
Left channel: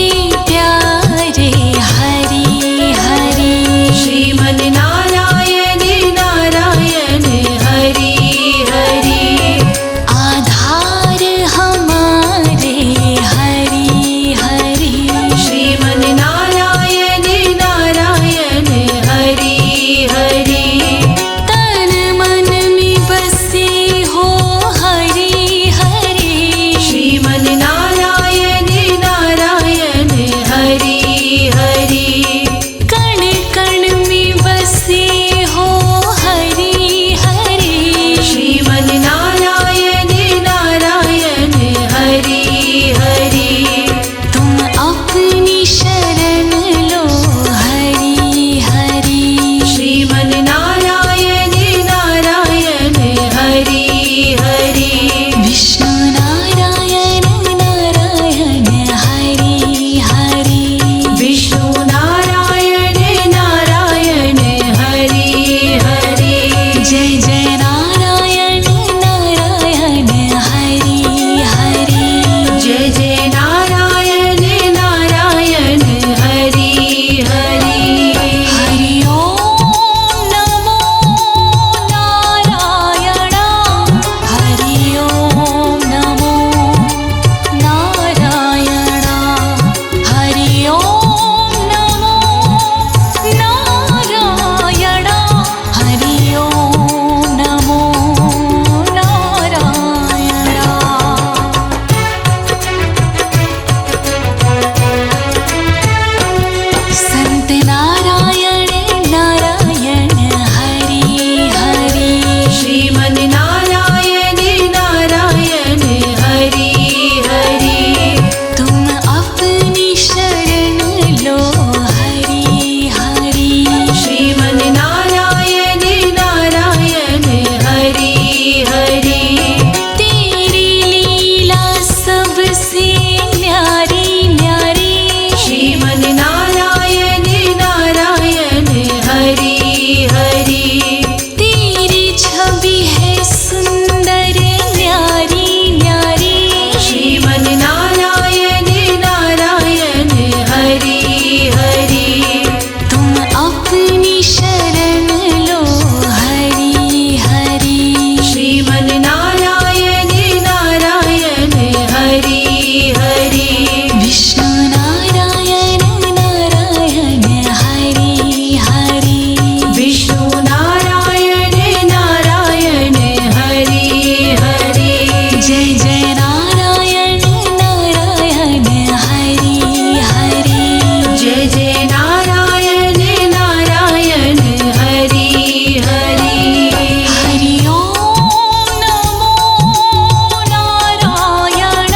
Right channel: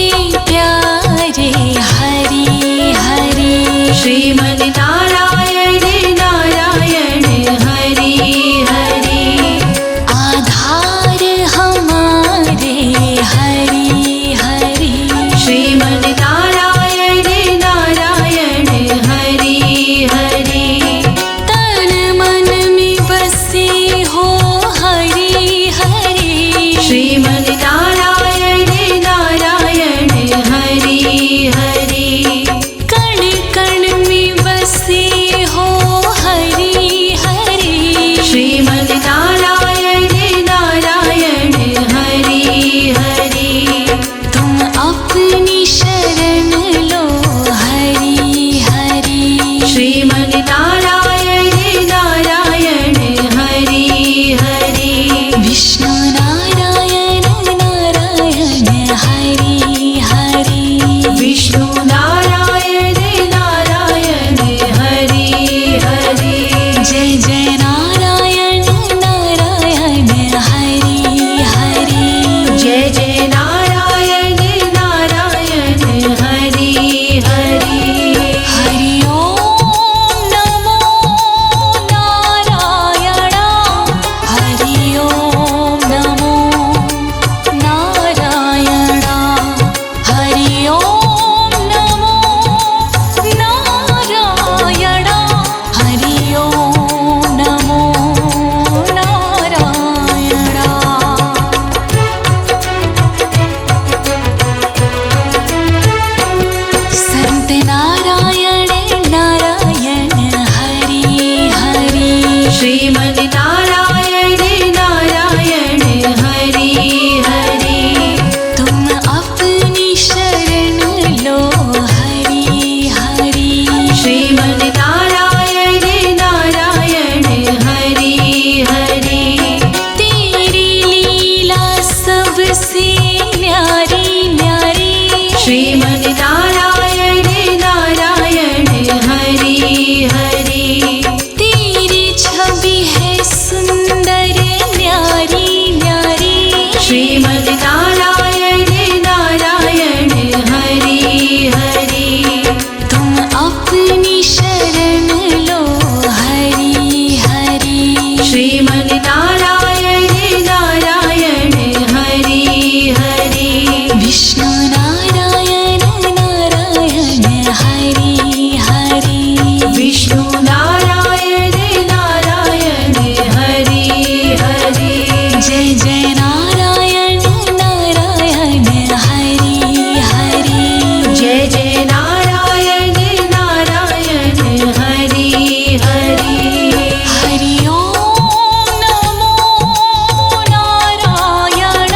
प्यारे हरि हरि श्रीमन नारायण नारायण हरि हरि आधार हमारे हरि हरि श्रीमन नारायण नारायण हरि हरि तन मन में बसे हो हरि हरि श्रीमन नारायण नारायण हरि हरि कण कण में बसे हो हरि हरि श्रीमन नारायण नारायण हरि हरि तुम अपनी शरण लो हरि हरि श्रीमन नारायण नारायण हरि हरि विष्णु नारायण नारायण हरि हरि विष्णु नारायण नारायण हरि हरि जय जय नारायण नारायण हरि हरि जय जय नारायण नारायण हरि हरि हरि ओम नमो नारायण हरि ओम नमो नारायण हरि ओम नमो नारायण हरि ओम नमो नारायण संत नारायण नारायण हरि हरि श्रीमन नारायण नारायण हरि हरि तुम अपनी शरण लो हरि हरि श्रीमन नारायण नारायण हरि हरि तेरी लीला सबसे न्यारी न्यारी श्रीमन नारायण नारायण हरि हरि तेरी छवि है सुंदर न्यारी न्यारी श्रीमन नारायण नारायण हरि हरि तुम अपनी शरण लो हरि हरि श्रीमन नारायण नारायण हरि हरि विष्णु नारायण नारायण हरि हरि विष्णु नारायण नारायण हरि हरि जय जय नारायण नारायण हरि हरि जय जय नारायण नारायण हरि हरि हरि ओम नमो नारायण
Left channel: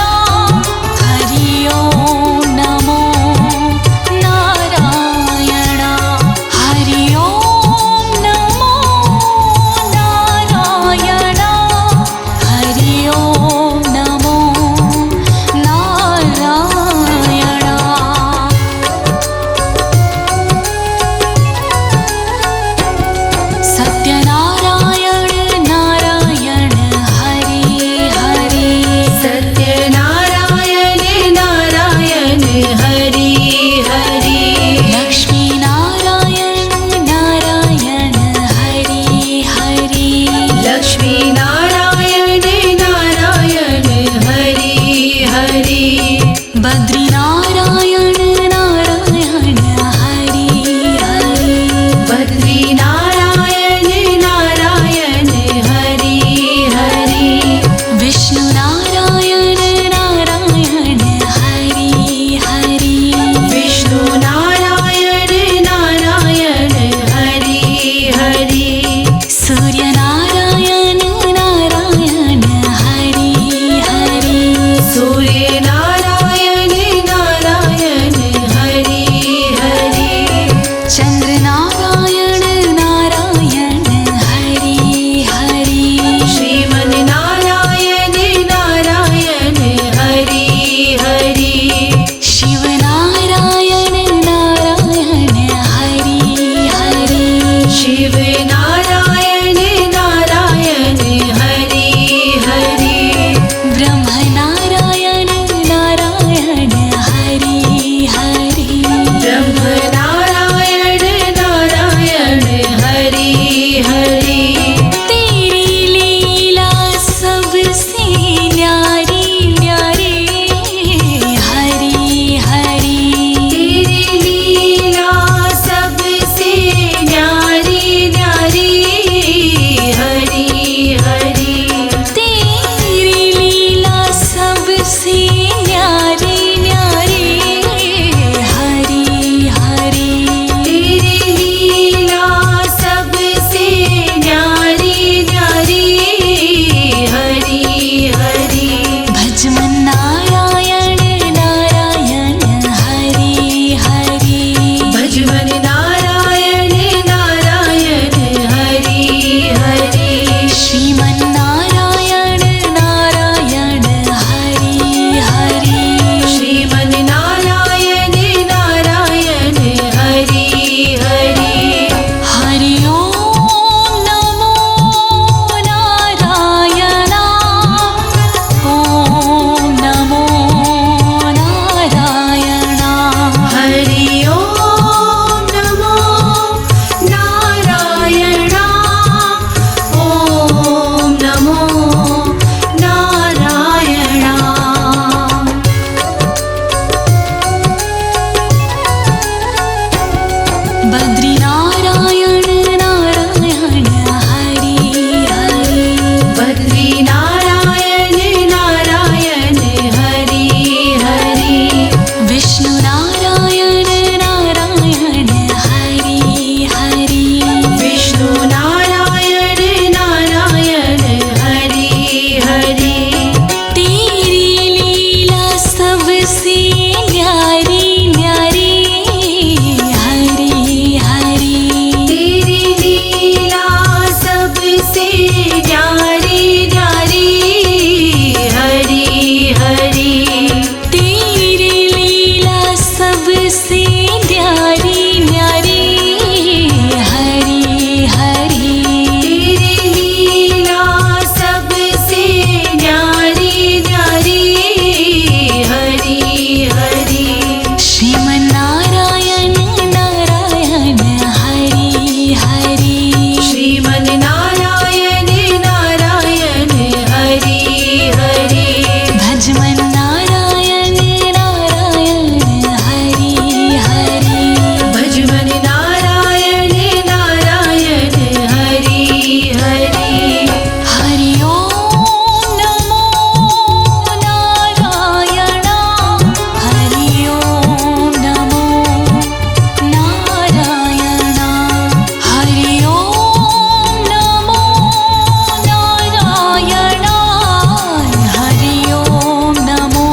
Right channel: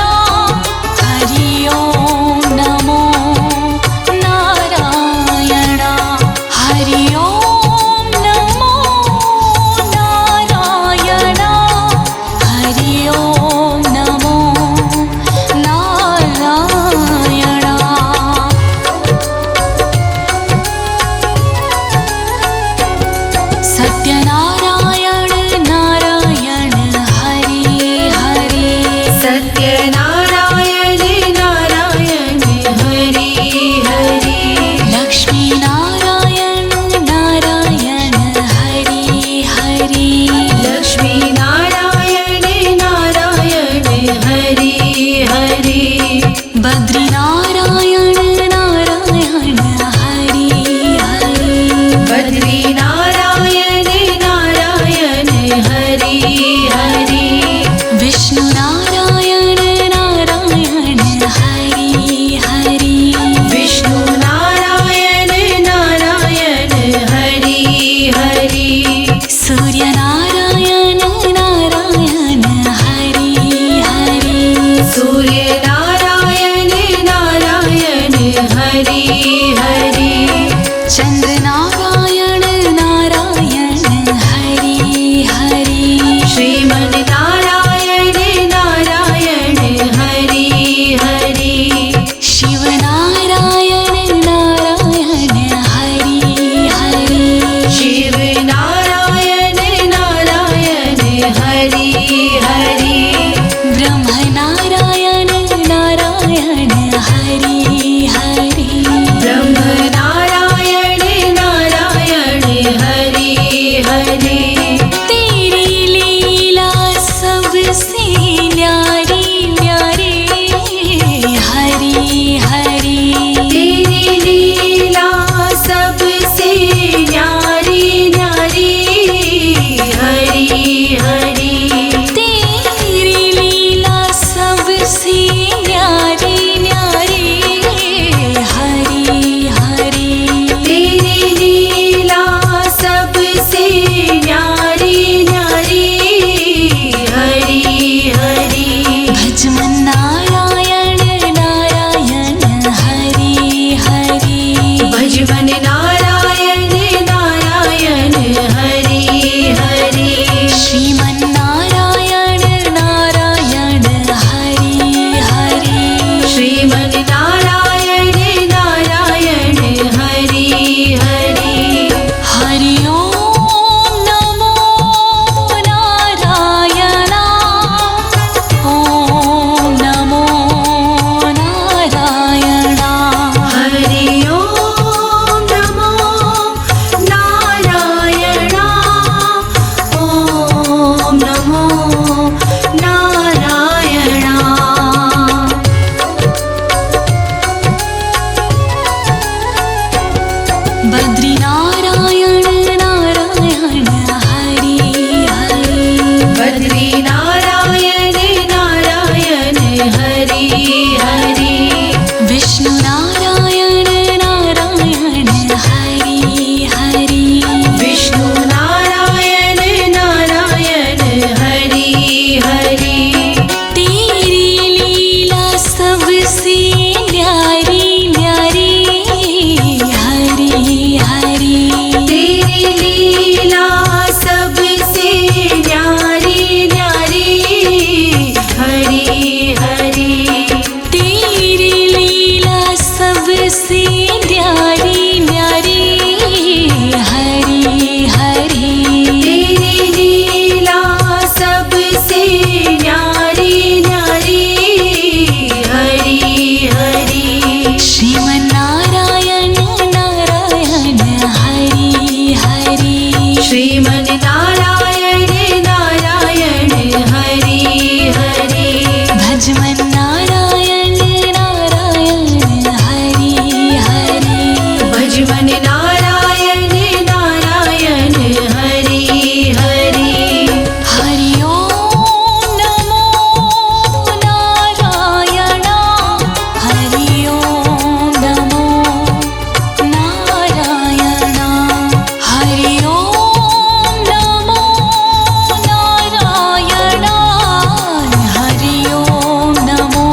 हरि ओम नमो नारायण हरि ओम नमो नारायण हरि ओम नमो नारायण सत्यनारायण नारायण हरि हरि सत्यनारायण नारायण हरि हरि लक्ष्मी नारायण नारायण हरि हरि लक्ष्मी नारायण नारायण हरि हरि बद्री नारायण नारायण हरि हरि बद्री नारायण नारायण हरि हरि विष्णु नारायण नारायण हरि हरि विष्णु नारायण नारायण हरि हरि सूर्य नारायण नारायण हरि हरि सूर्य नारायण नारायण सबसे न्यारी न्यारी हरि हरि तेरी लीला सबसे न्यारी न्यारी हरि हरि भजमन नारायण नारायण हरि हरि भजमन नारायण नारायण हरि हरि श्रीमन नारायण नारायण हरि हरि श्रीमन नारायण नारायण हरि हरि हरि ओम नमो नारायण ओम नमो नारायण हरि ओम नमो नारायण ओम नमो नारायण बद्री नारायण नारायण हरि हरि बद्री नारायण नारायण हरि हरि विष्णु नारायण नारायण हरि हरि विष्णु नारायण नारायण हरि हरि तेरी लीला सबसे न्यारी न्यारी हरि हरि तेरी लीला सबसे न्यारी न्यारी हरि हरि तेरी लीला सबसे न्यारी न्यारी हरि हरि तेरी लीला सबसे न्यारी न्यारी हरि हरि श्रीमन नारायण नारायण हरि हरि श्रीमन नारायण नारायण हरि हरि भजमन नारायण नारायण हरि हरि भजमन नारायण नारायण हरि हरि हरि ओम नमो नारायण हरि ओम नमो नारायण हरि ओम नमो नारायण हरि ओम नमो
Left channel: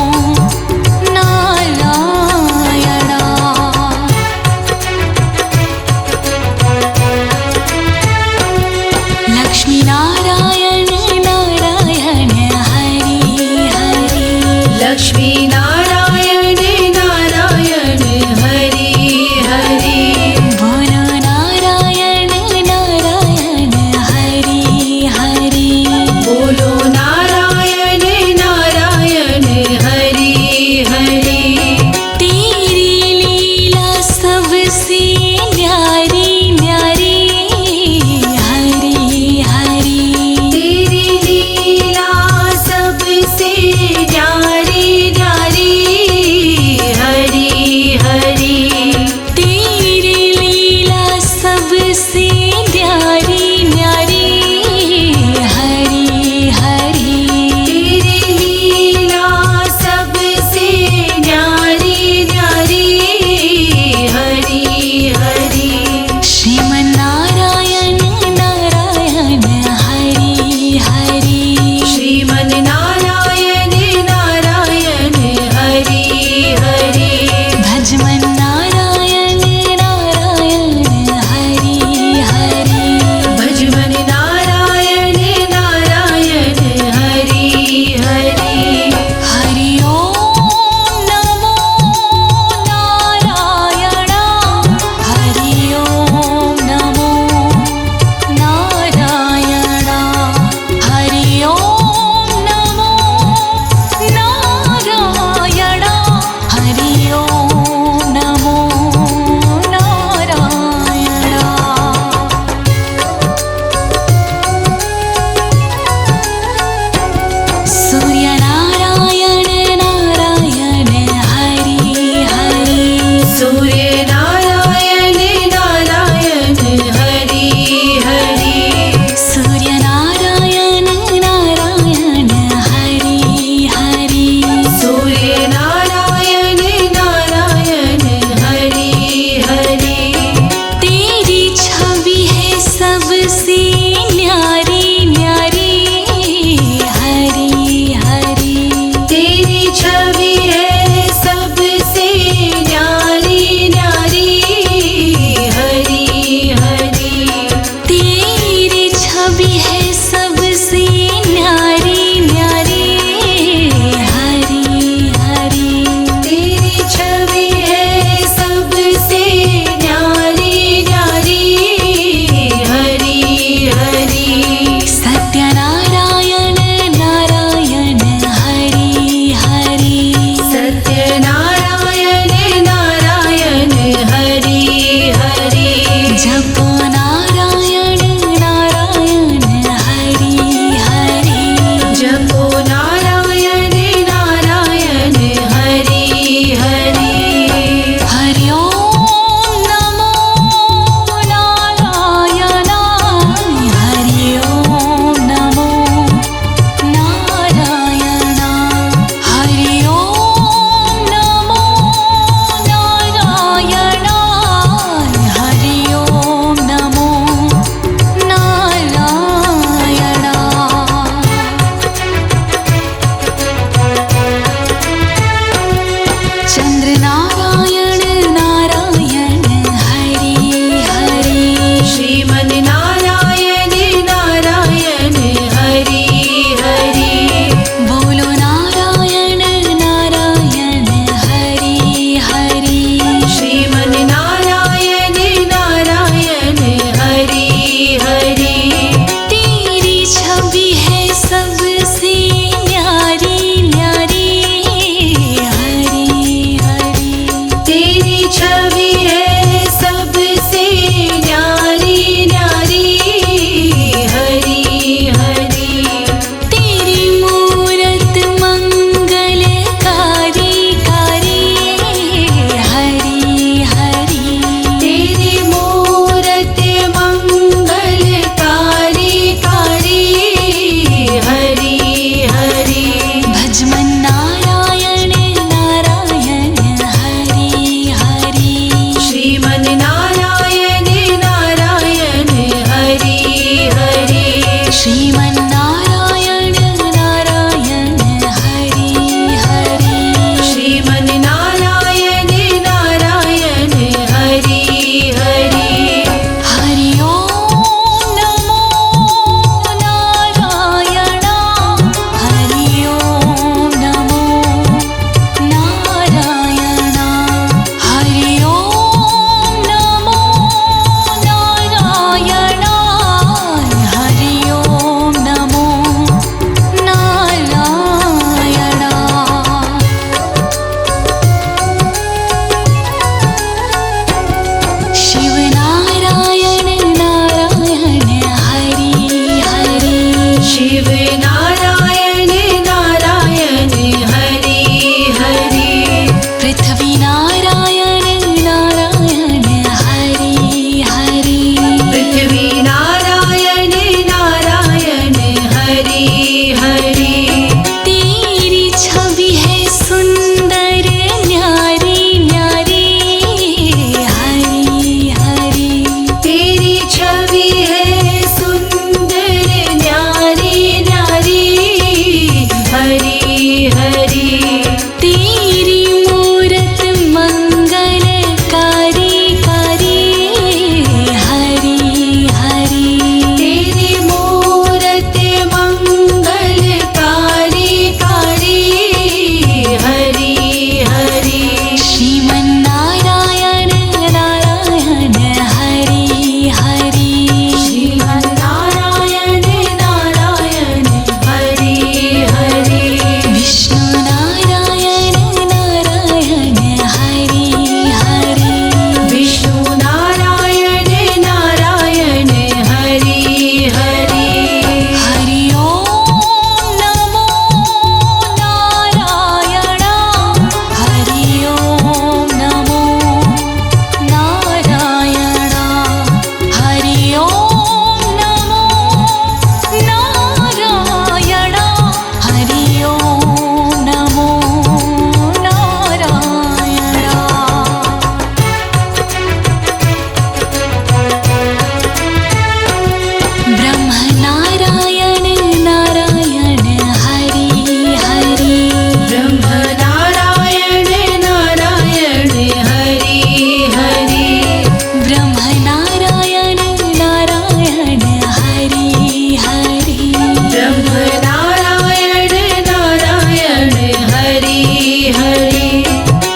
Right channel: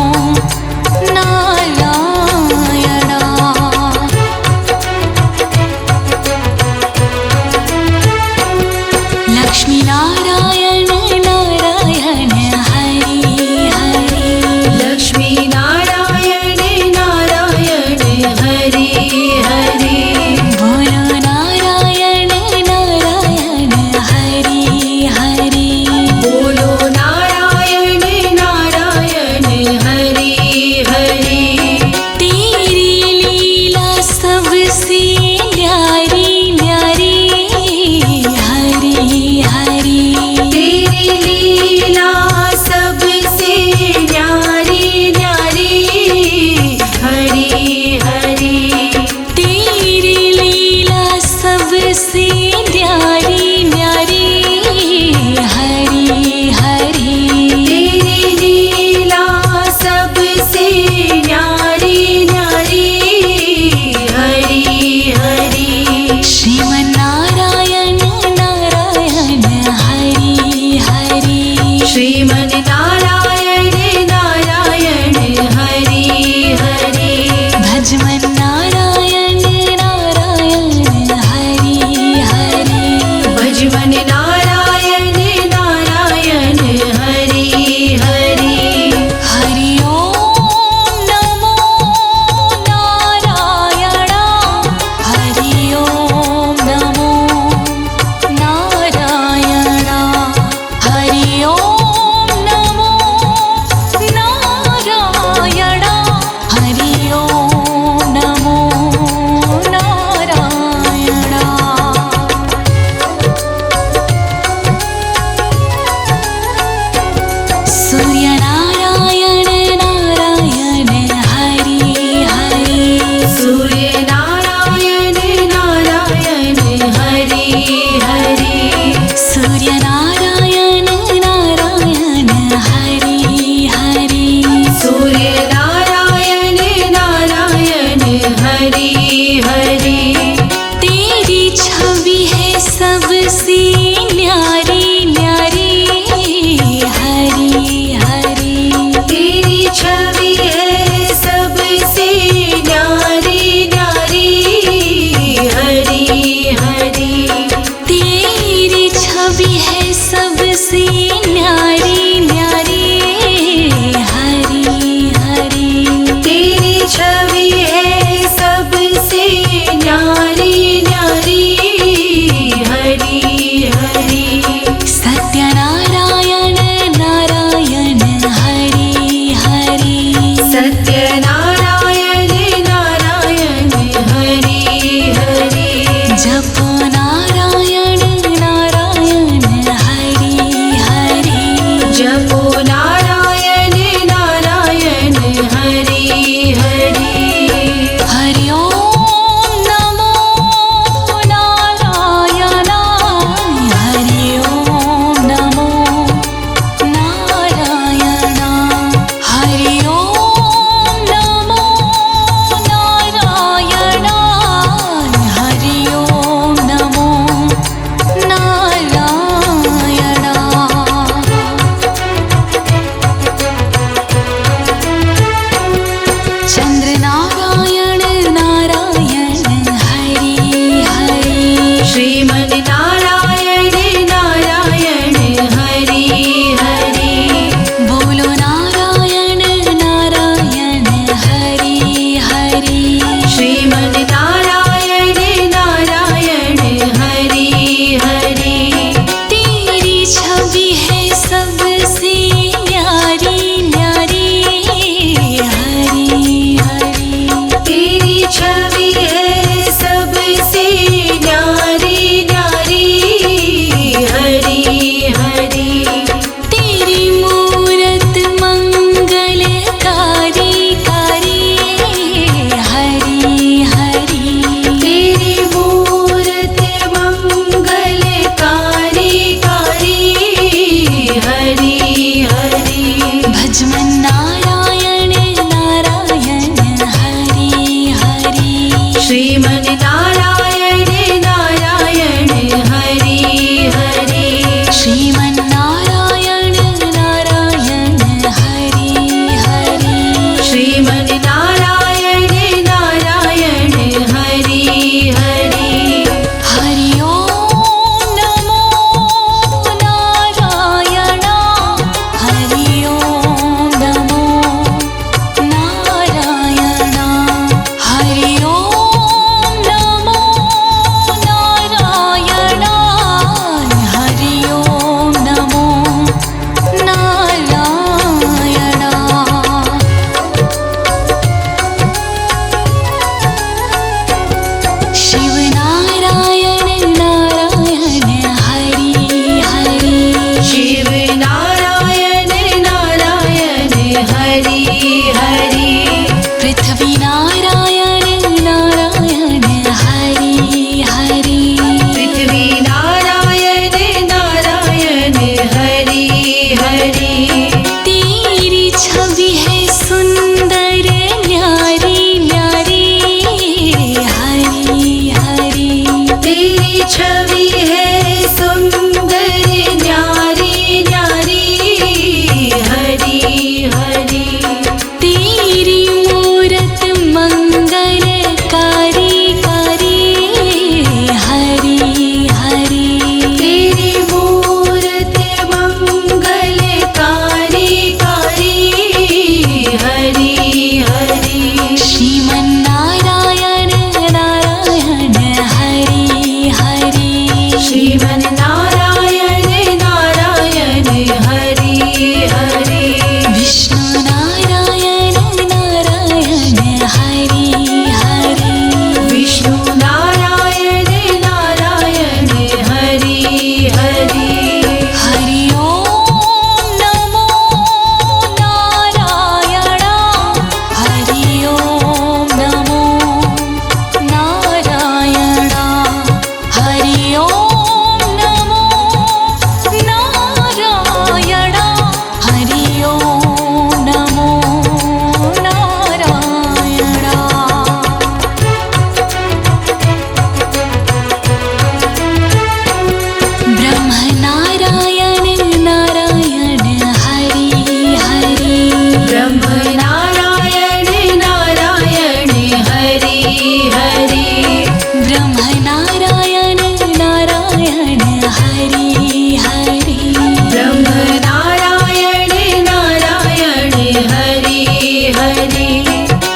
हरि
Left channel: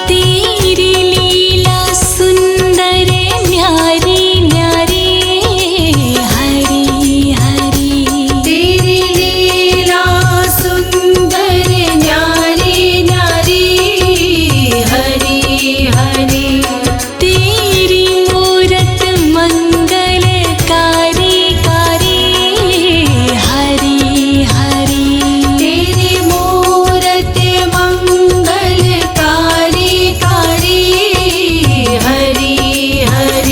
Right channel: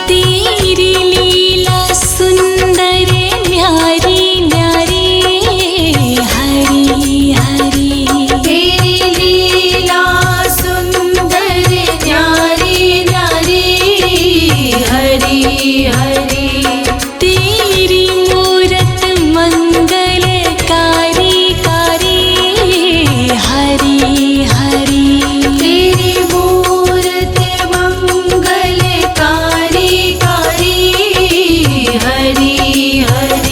तेरी लीला सुंदर न्यारी न्यारी हरि हरि तेरी लीला सुंदर न्यारी न्यारी हरि हरि तेरी मूरत मंगलकारी कारी हरि हरि तेरी मूरत मंगलकारी कारी हरि हरि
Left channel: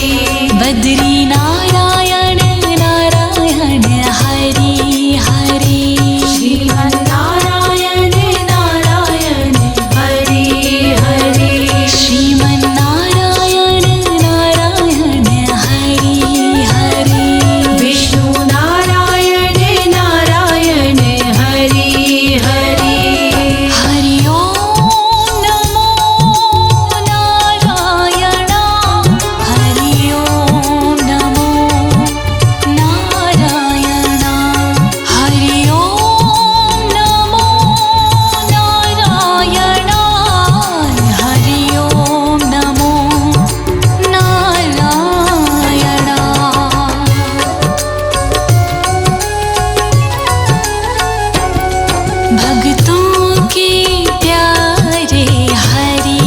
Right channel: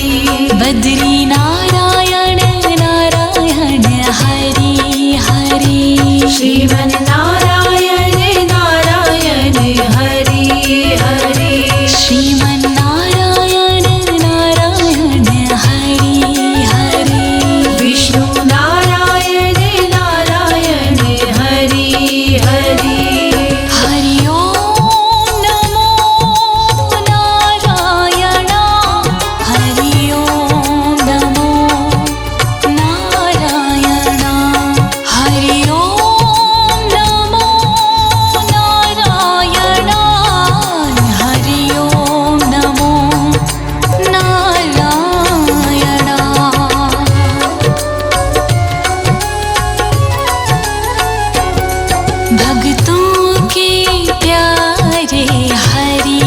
बद्री नारायण नारायण हरि हरि श्रीमन नारायण नारायण हरि हरि श्रीमन नारायण नारायण हरि हरि विष्णु नारायण नारायण हरि हरि हरि ओम नमो नारायण हरि ओम नमो नारायण हरि ओम नमो नारायण हरि ओम नमो नारायण भक्तों के प्यारे हरि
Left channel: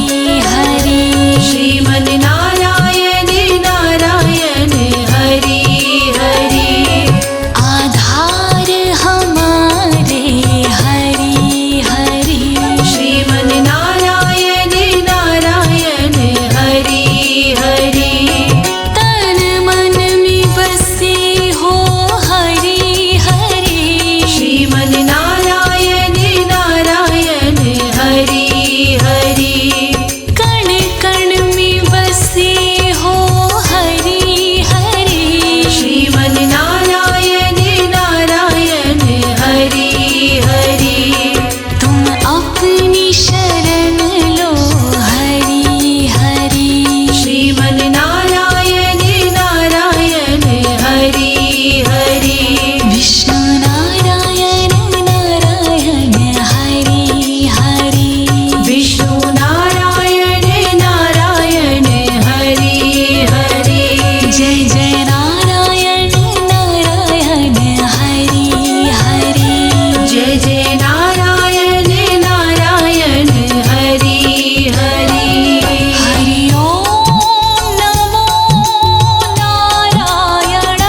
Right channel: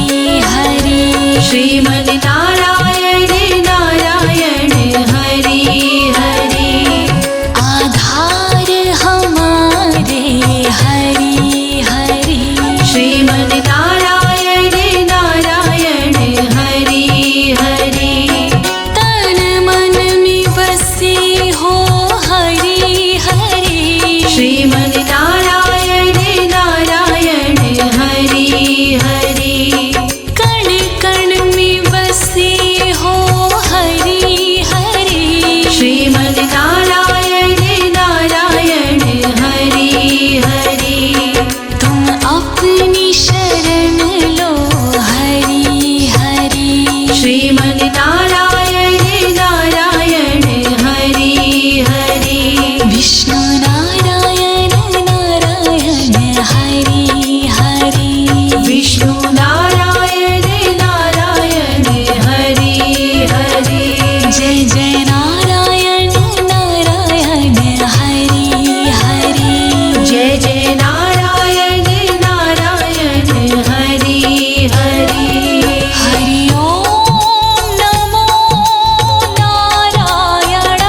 हरि श्रीमन नारायण नारायण हरि हरि आधार हमारे हरि हरि श्रीमन नारायण नारायण हरि हरि तन मन में बसे हो हरि हरि श्रीमन नारायण नारायण हरि हरि कण कण में बसे हो हरि हरि श्रीमन नारायण नारायण हरि हरि तुम अपनी शरण लो हरि हरि श्रीमन नारायण नारायण हरि हरि विष्णु नारायण नारायण हरि हरि विष्णु नारायण नारायण हरि हरि जय जय नारायण नारायण हरि हरि जय जय नारायण नारायण हरि हरि हरि ओम नमो नारायण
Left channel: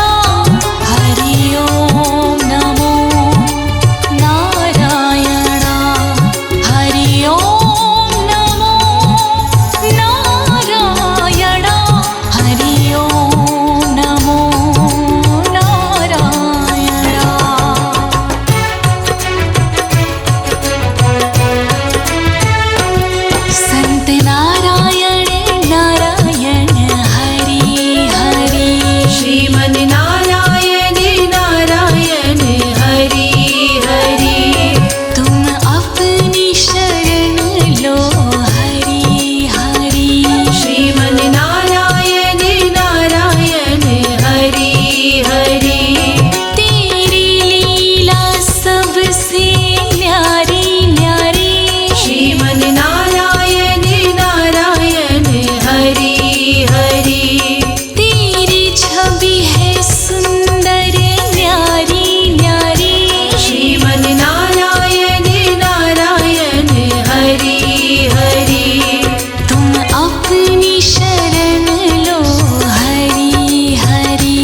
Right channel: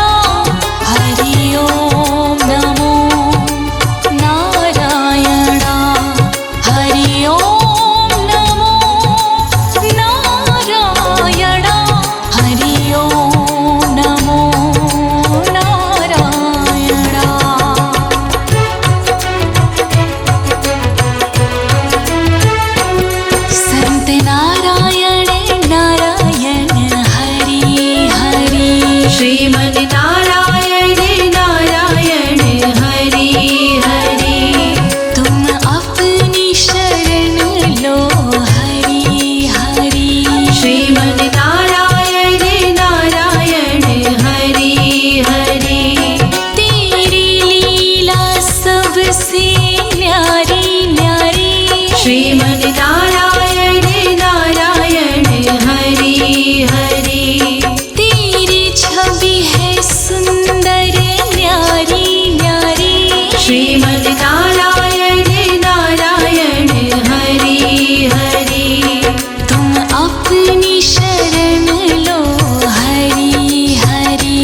हरि ओम नमो नारायण हरि ओम नमो नारायण हरि ओम नमो नारायण संत नारायण नारायण हरि हरि श्रीमन नारायण नारायण हरि हरि तुम अपनी शरण लो हरि हरि श्रीमन नारायण नारायण हरि हरि तेरी लीला सबसे न्यारी न्यारी श्रीमन नारायण नारायण हरि हरि तेरी छवि है सुंदर न्यारी न्यारी श्रीमन नारायण नारायण हरि हरि तुम अपनी शरण लो हरि हरि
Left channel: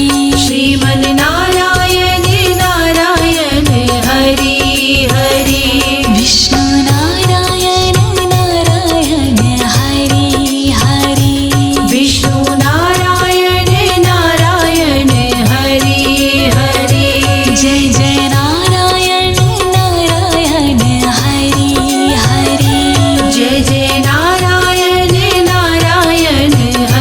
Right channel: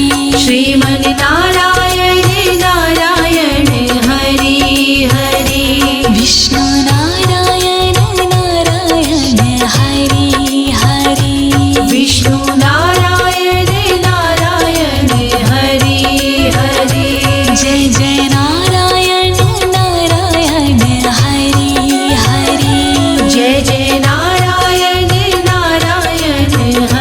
श्रीमन नारायण नारायण हरि हरि विष्णु नारायण नारायण हरि हरि विष्णु नारायण नारायण हरि हरि जय जय नारायण नारायण हरि हरि जय जय नारायण नारायण हरि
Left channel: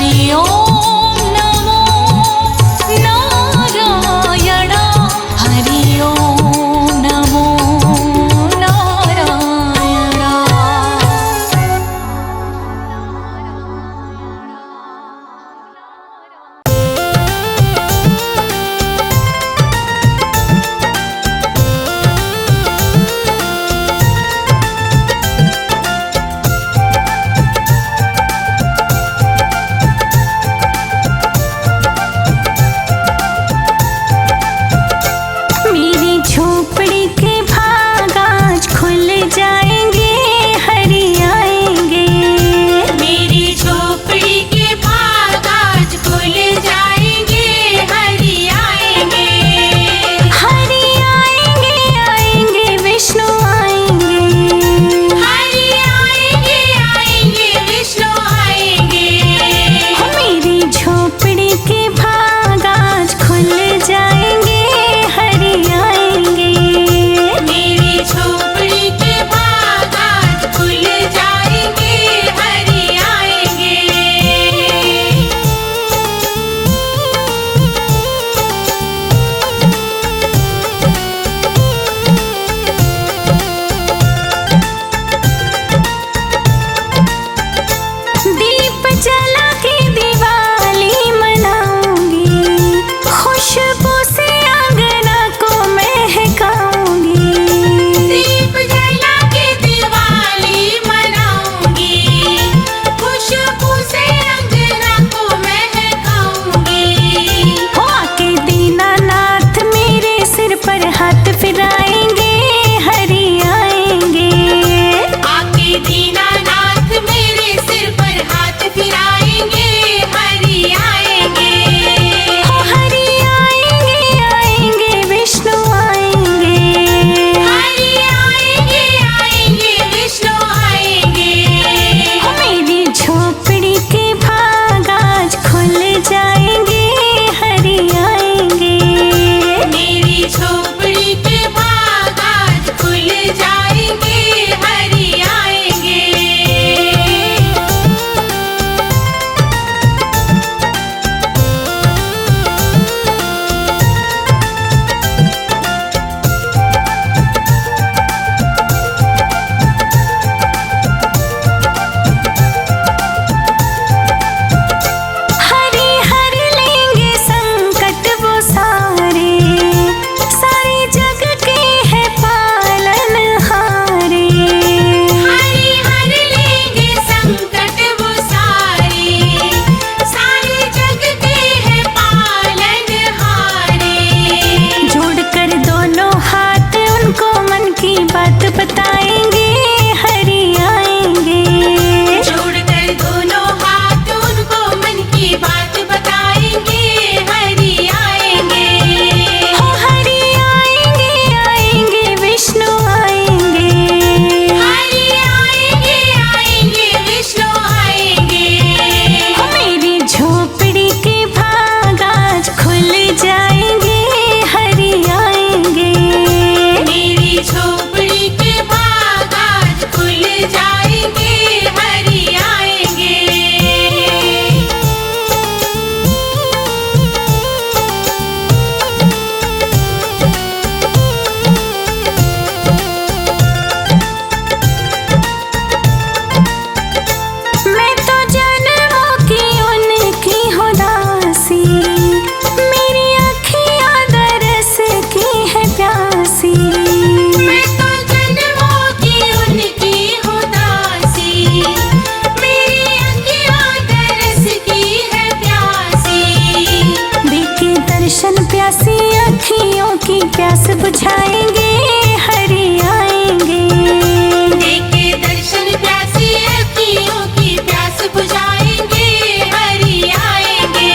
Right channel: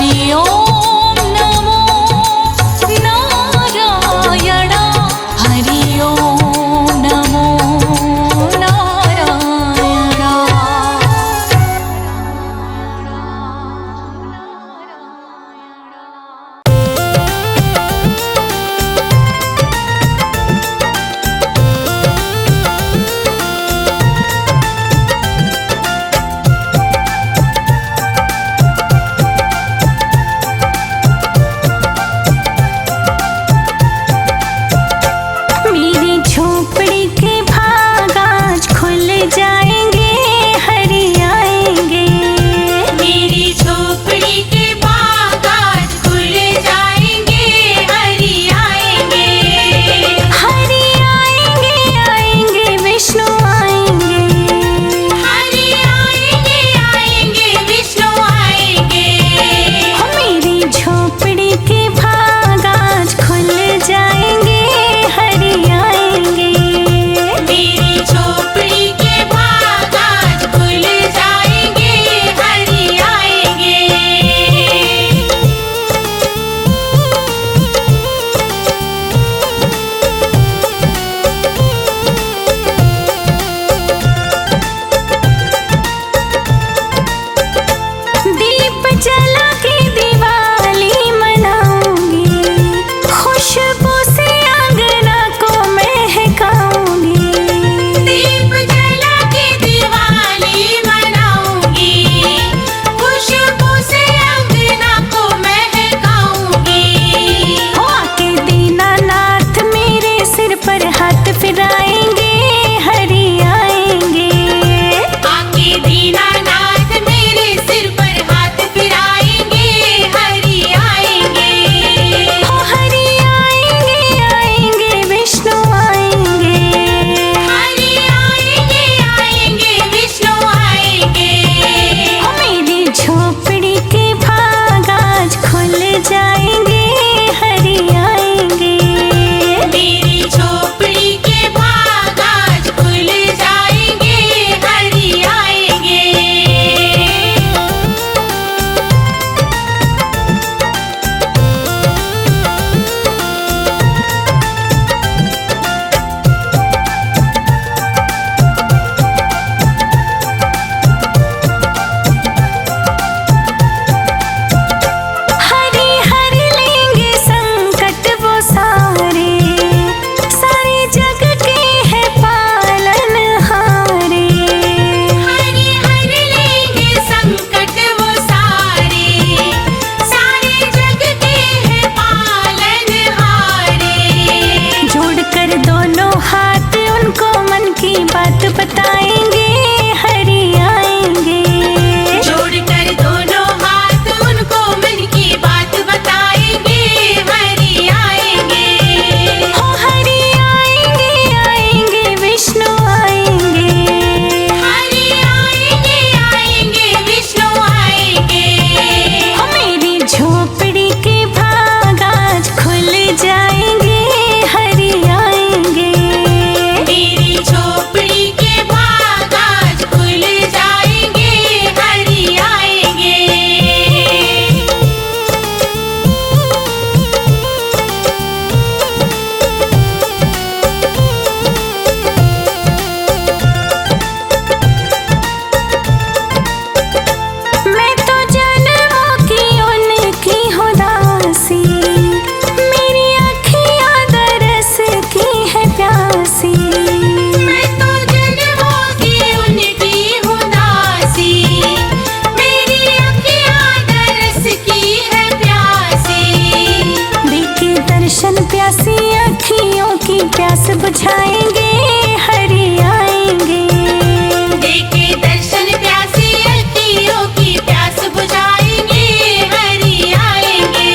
हरि ओम नमो नारायण हरि ओम नमो नारायण। मेरी झोपड़ी के भाग आज खुल जाएंगे, हरि आएंगे। मेरी झोपड़ी के भाग आज खुल जाएंगे, हरि आएंगे। हरि आएंगे आएंगे विष्णु आएंगे। हरि आएंगे आएंगे विष्णु आएंगे। हो मेरी झोपड़ी के भाग आज खुल जाएंगे, हरि आएंगे। मेरी झोपड़ी के भाग आज खुल जाएंगे, हरि आएंगे। दीप जला के दिवाली मनाऊंगी, खुशबू से आंगना को महकाऊंगी। दीप जला के दिवाली मनाऊंगी, खुशबू से अंगना को महकाऊंगी। हो आके दीनानाथ मेरे सिर पर हाथ फिराएंगे, हरि आएंगे। आके दीनानाथ मेरे सिर पर हाथ फिराएंगे, हरि आएंगे। हो हरि आएंगे आएंगे विष्णु आएंगे। हरि आएंगे आएंगे विष्णु आएंगे। हो मेरी झोपड़ी के भाग आज खुल जाएंगे, हरि आएंगे। मेरी झोपड़ी के भाग आज खुल जाएंगे, हरि आएंगे। हरि हर लेंगे संकट वो सारे, सारे जग के है पालनहारे। हरि हर लेंगे संकट वो सारे, सारे जग के हैं पालनहारे। जोड़कर दोनों हाथ उनको मन की बात बताएंगे, हरि आएंगे। जोड़कर दोनों हाथ उनको मन की बात बताएंगे, हरि आएंगे। हो हरि आएंगे आएंगे विष्णु आएंगे। हरि आएंगे आएंगे विष्णु आएंगे। हो मेरी झोपड़ी के भाग आज खुल जाएंगे, हरि आएंगे। मेरी झोपड़ी के भाग आज खुल जाएंगे, हरि आएंगे। मैं तो जन्मों की उनकी हूँ दासी, मेरी अखियाँ दरस की है प्यासी। मैं तो जन्मों की उनकी हूँ दासी, मेरी अखियाँ दरस की है प्यासी। देखे दर्शन प्यासी अखियों की प्यास बुझाएंगे, हरि आएंगे। देखे दर्शन प्यासी अखियों की प्यास बुझाएंगे, हरि आएंगे।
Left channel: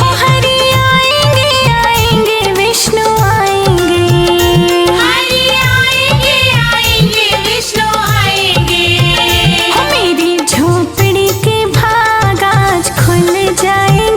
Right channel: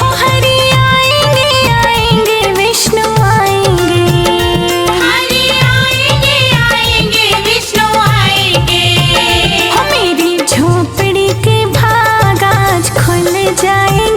हो हरि आएंगे आएंगे विष्णु आएंगे। हरि आएंगे आएंगे विष्णु आएंगे। हो मेरी झोपड़ी के भाग आज खुल जाएंगे,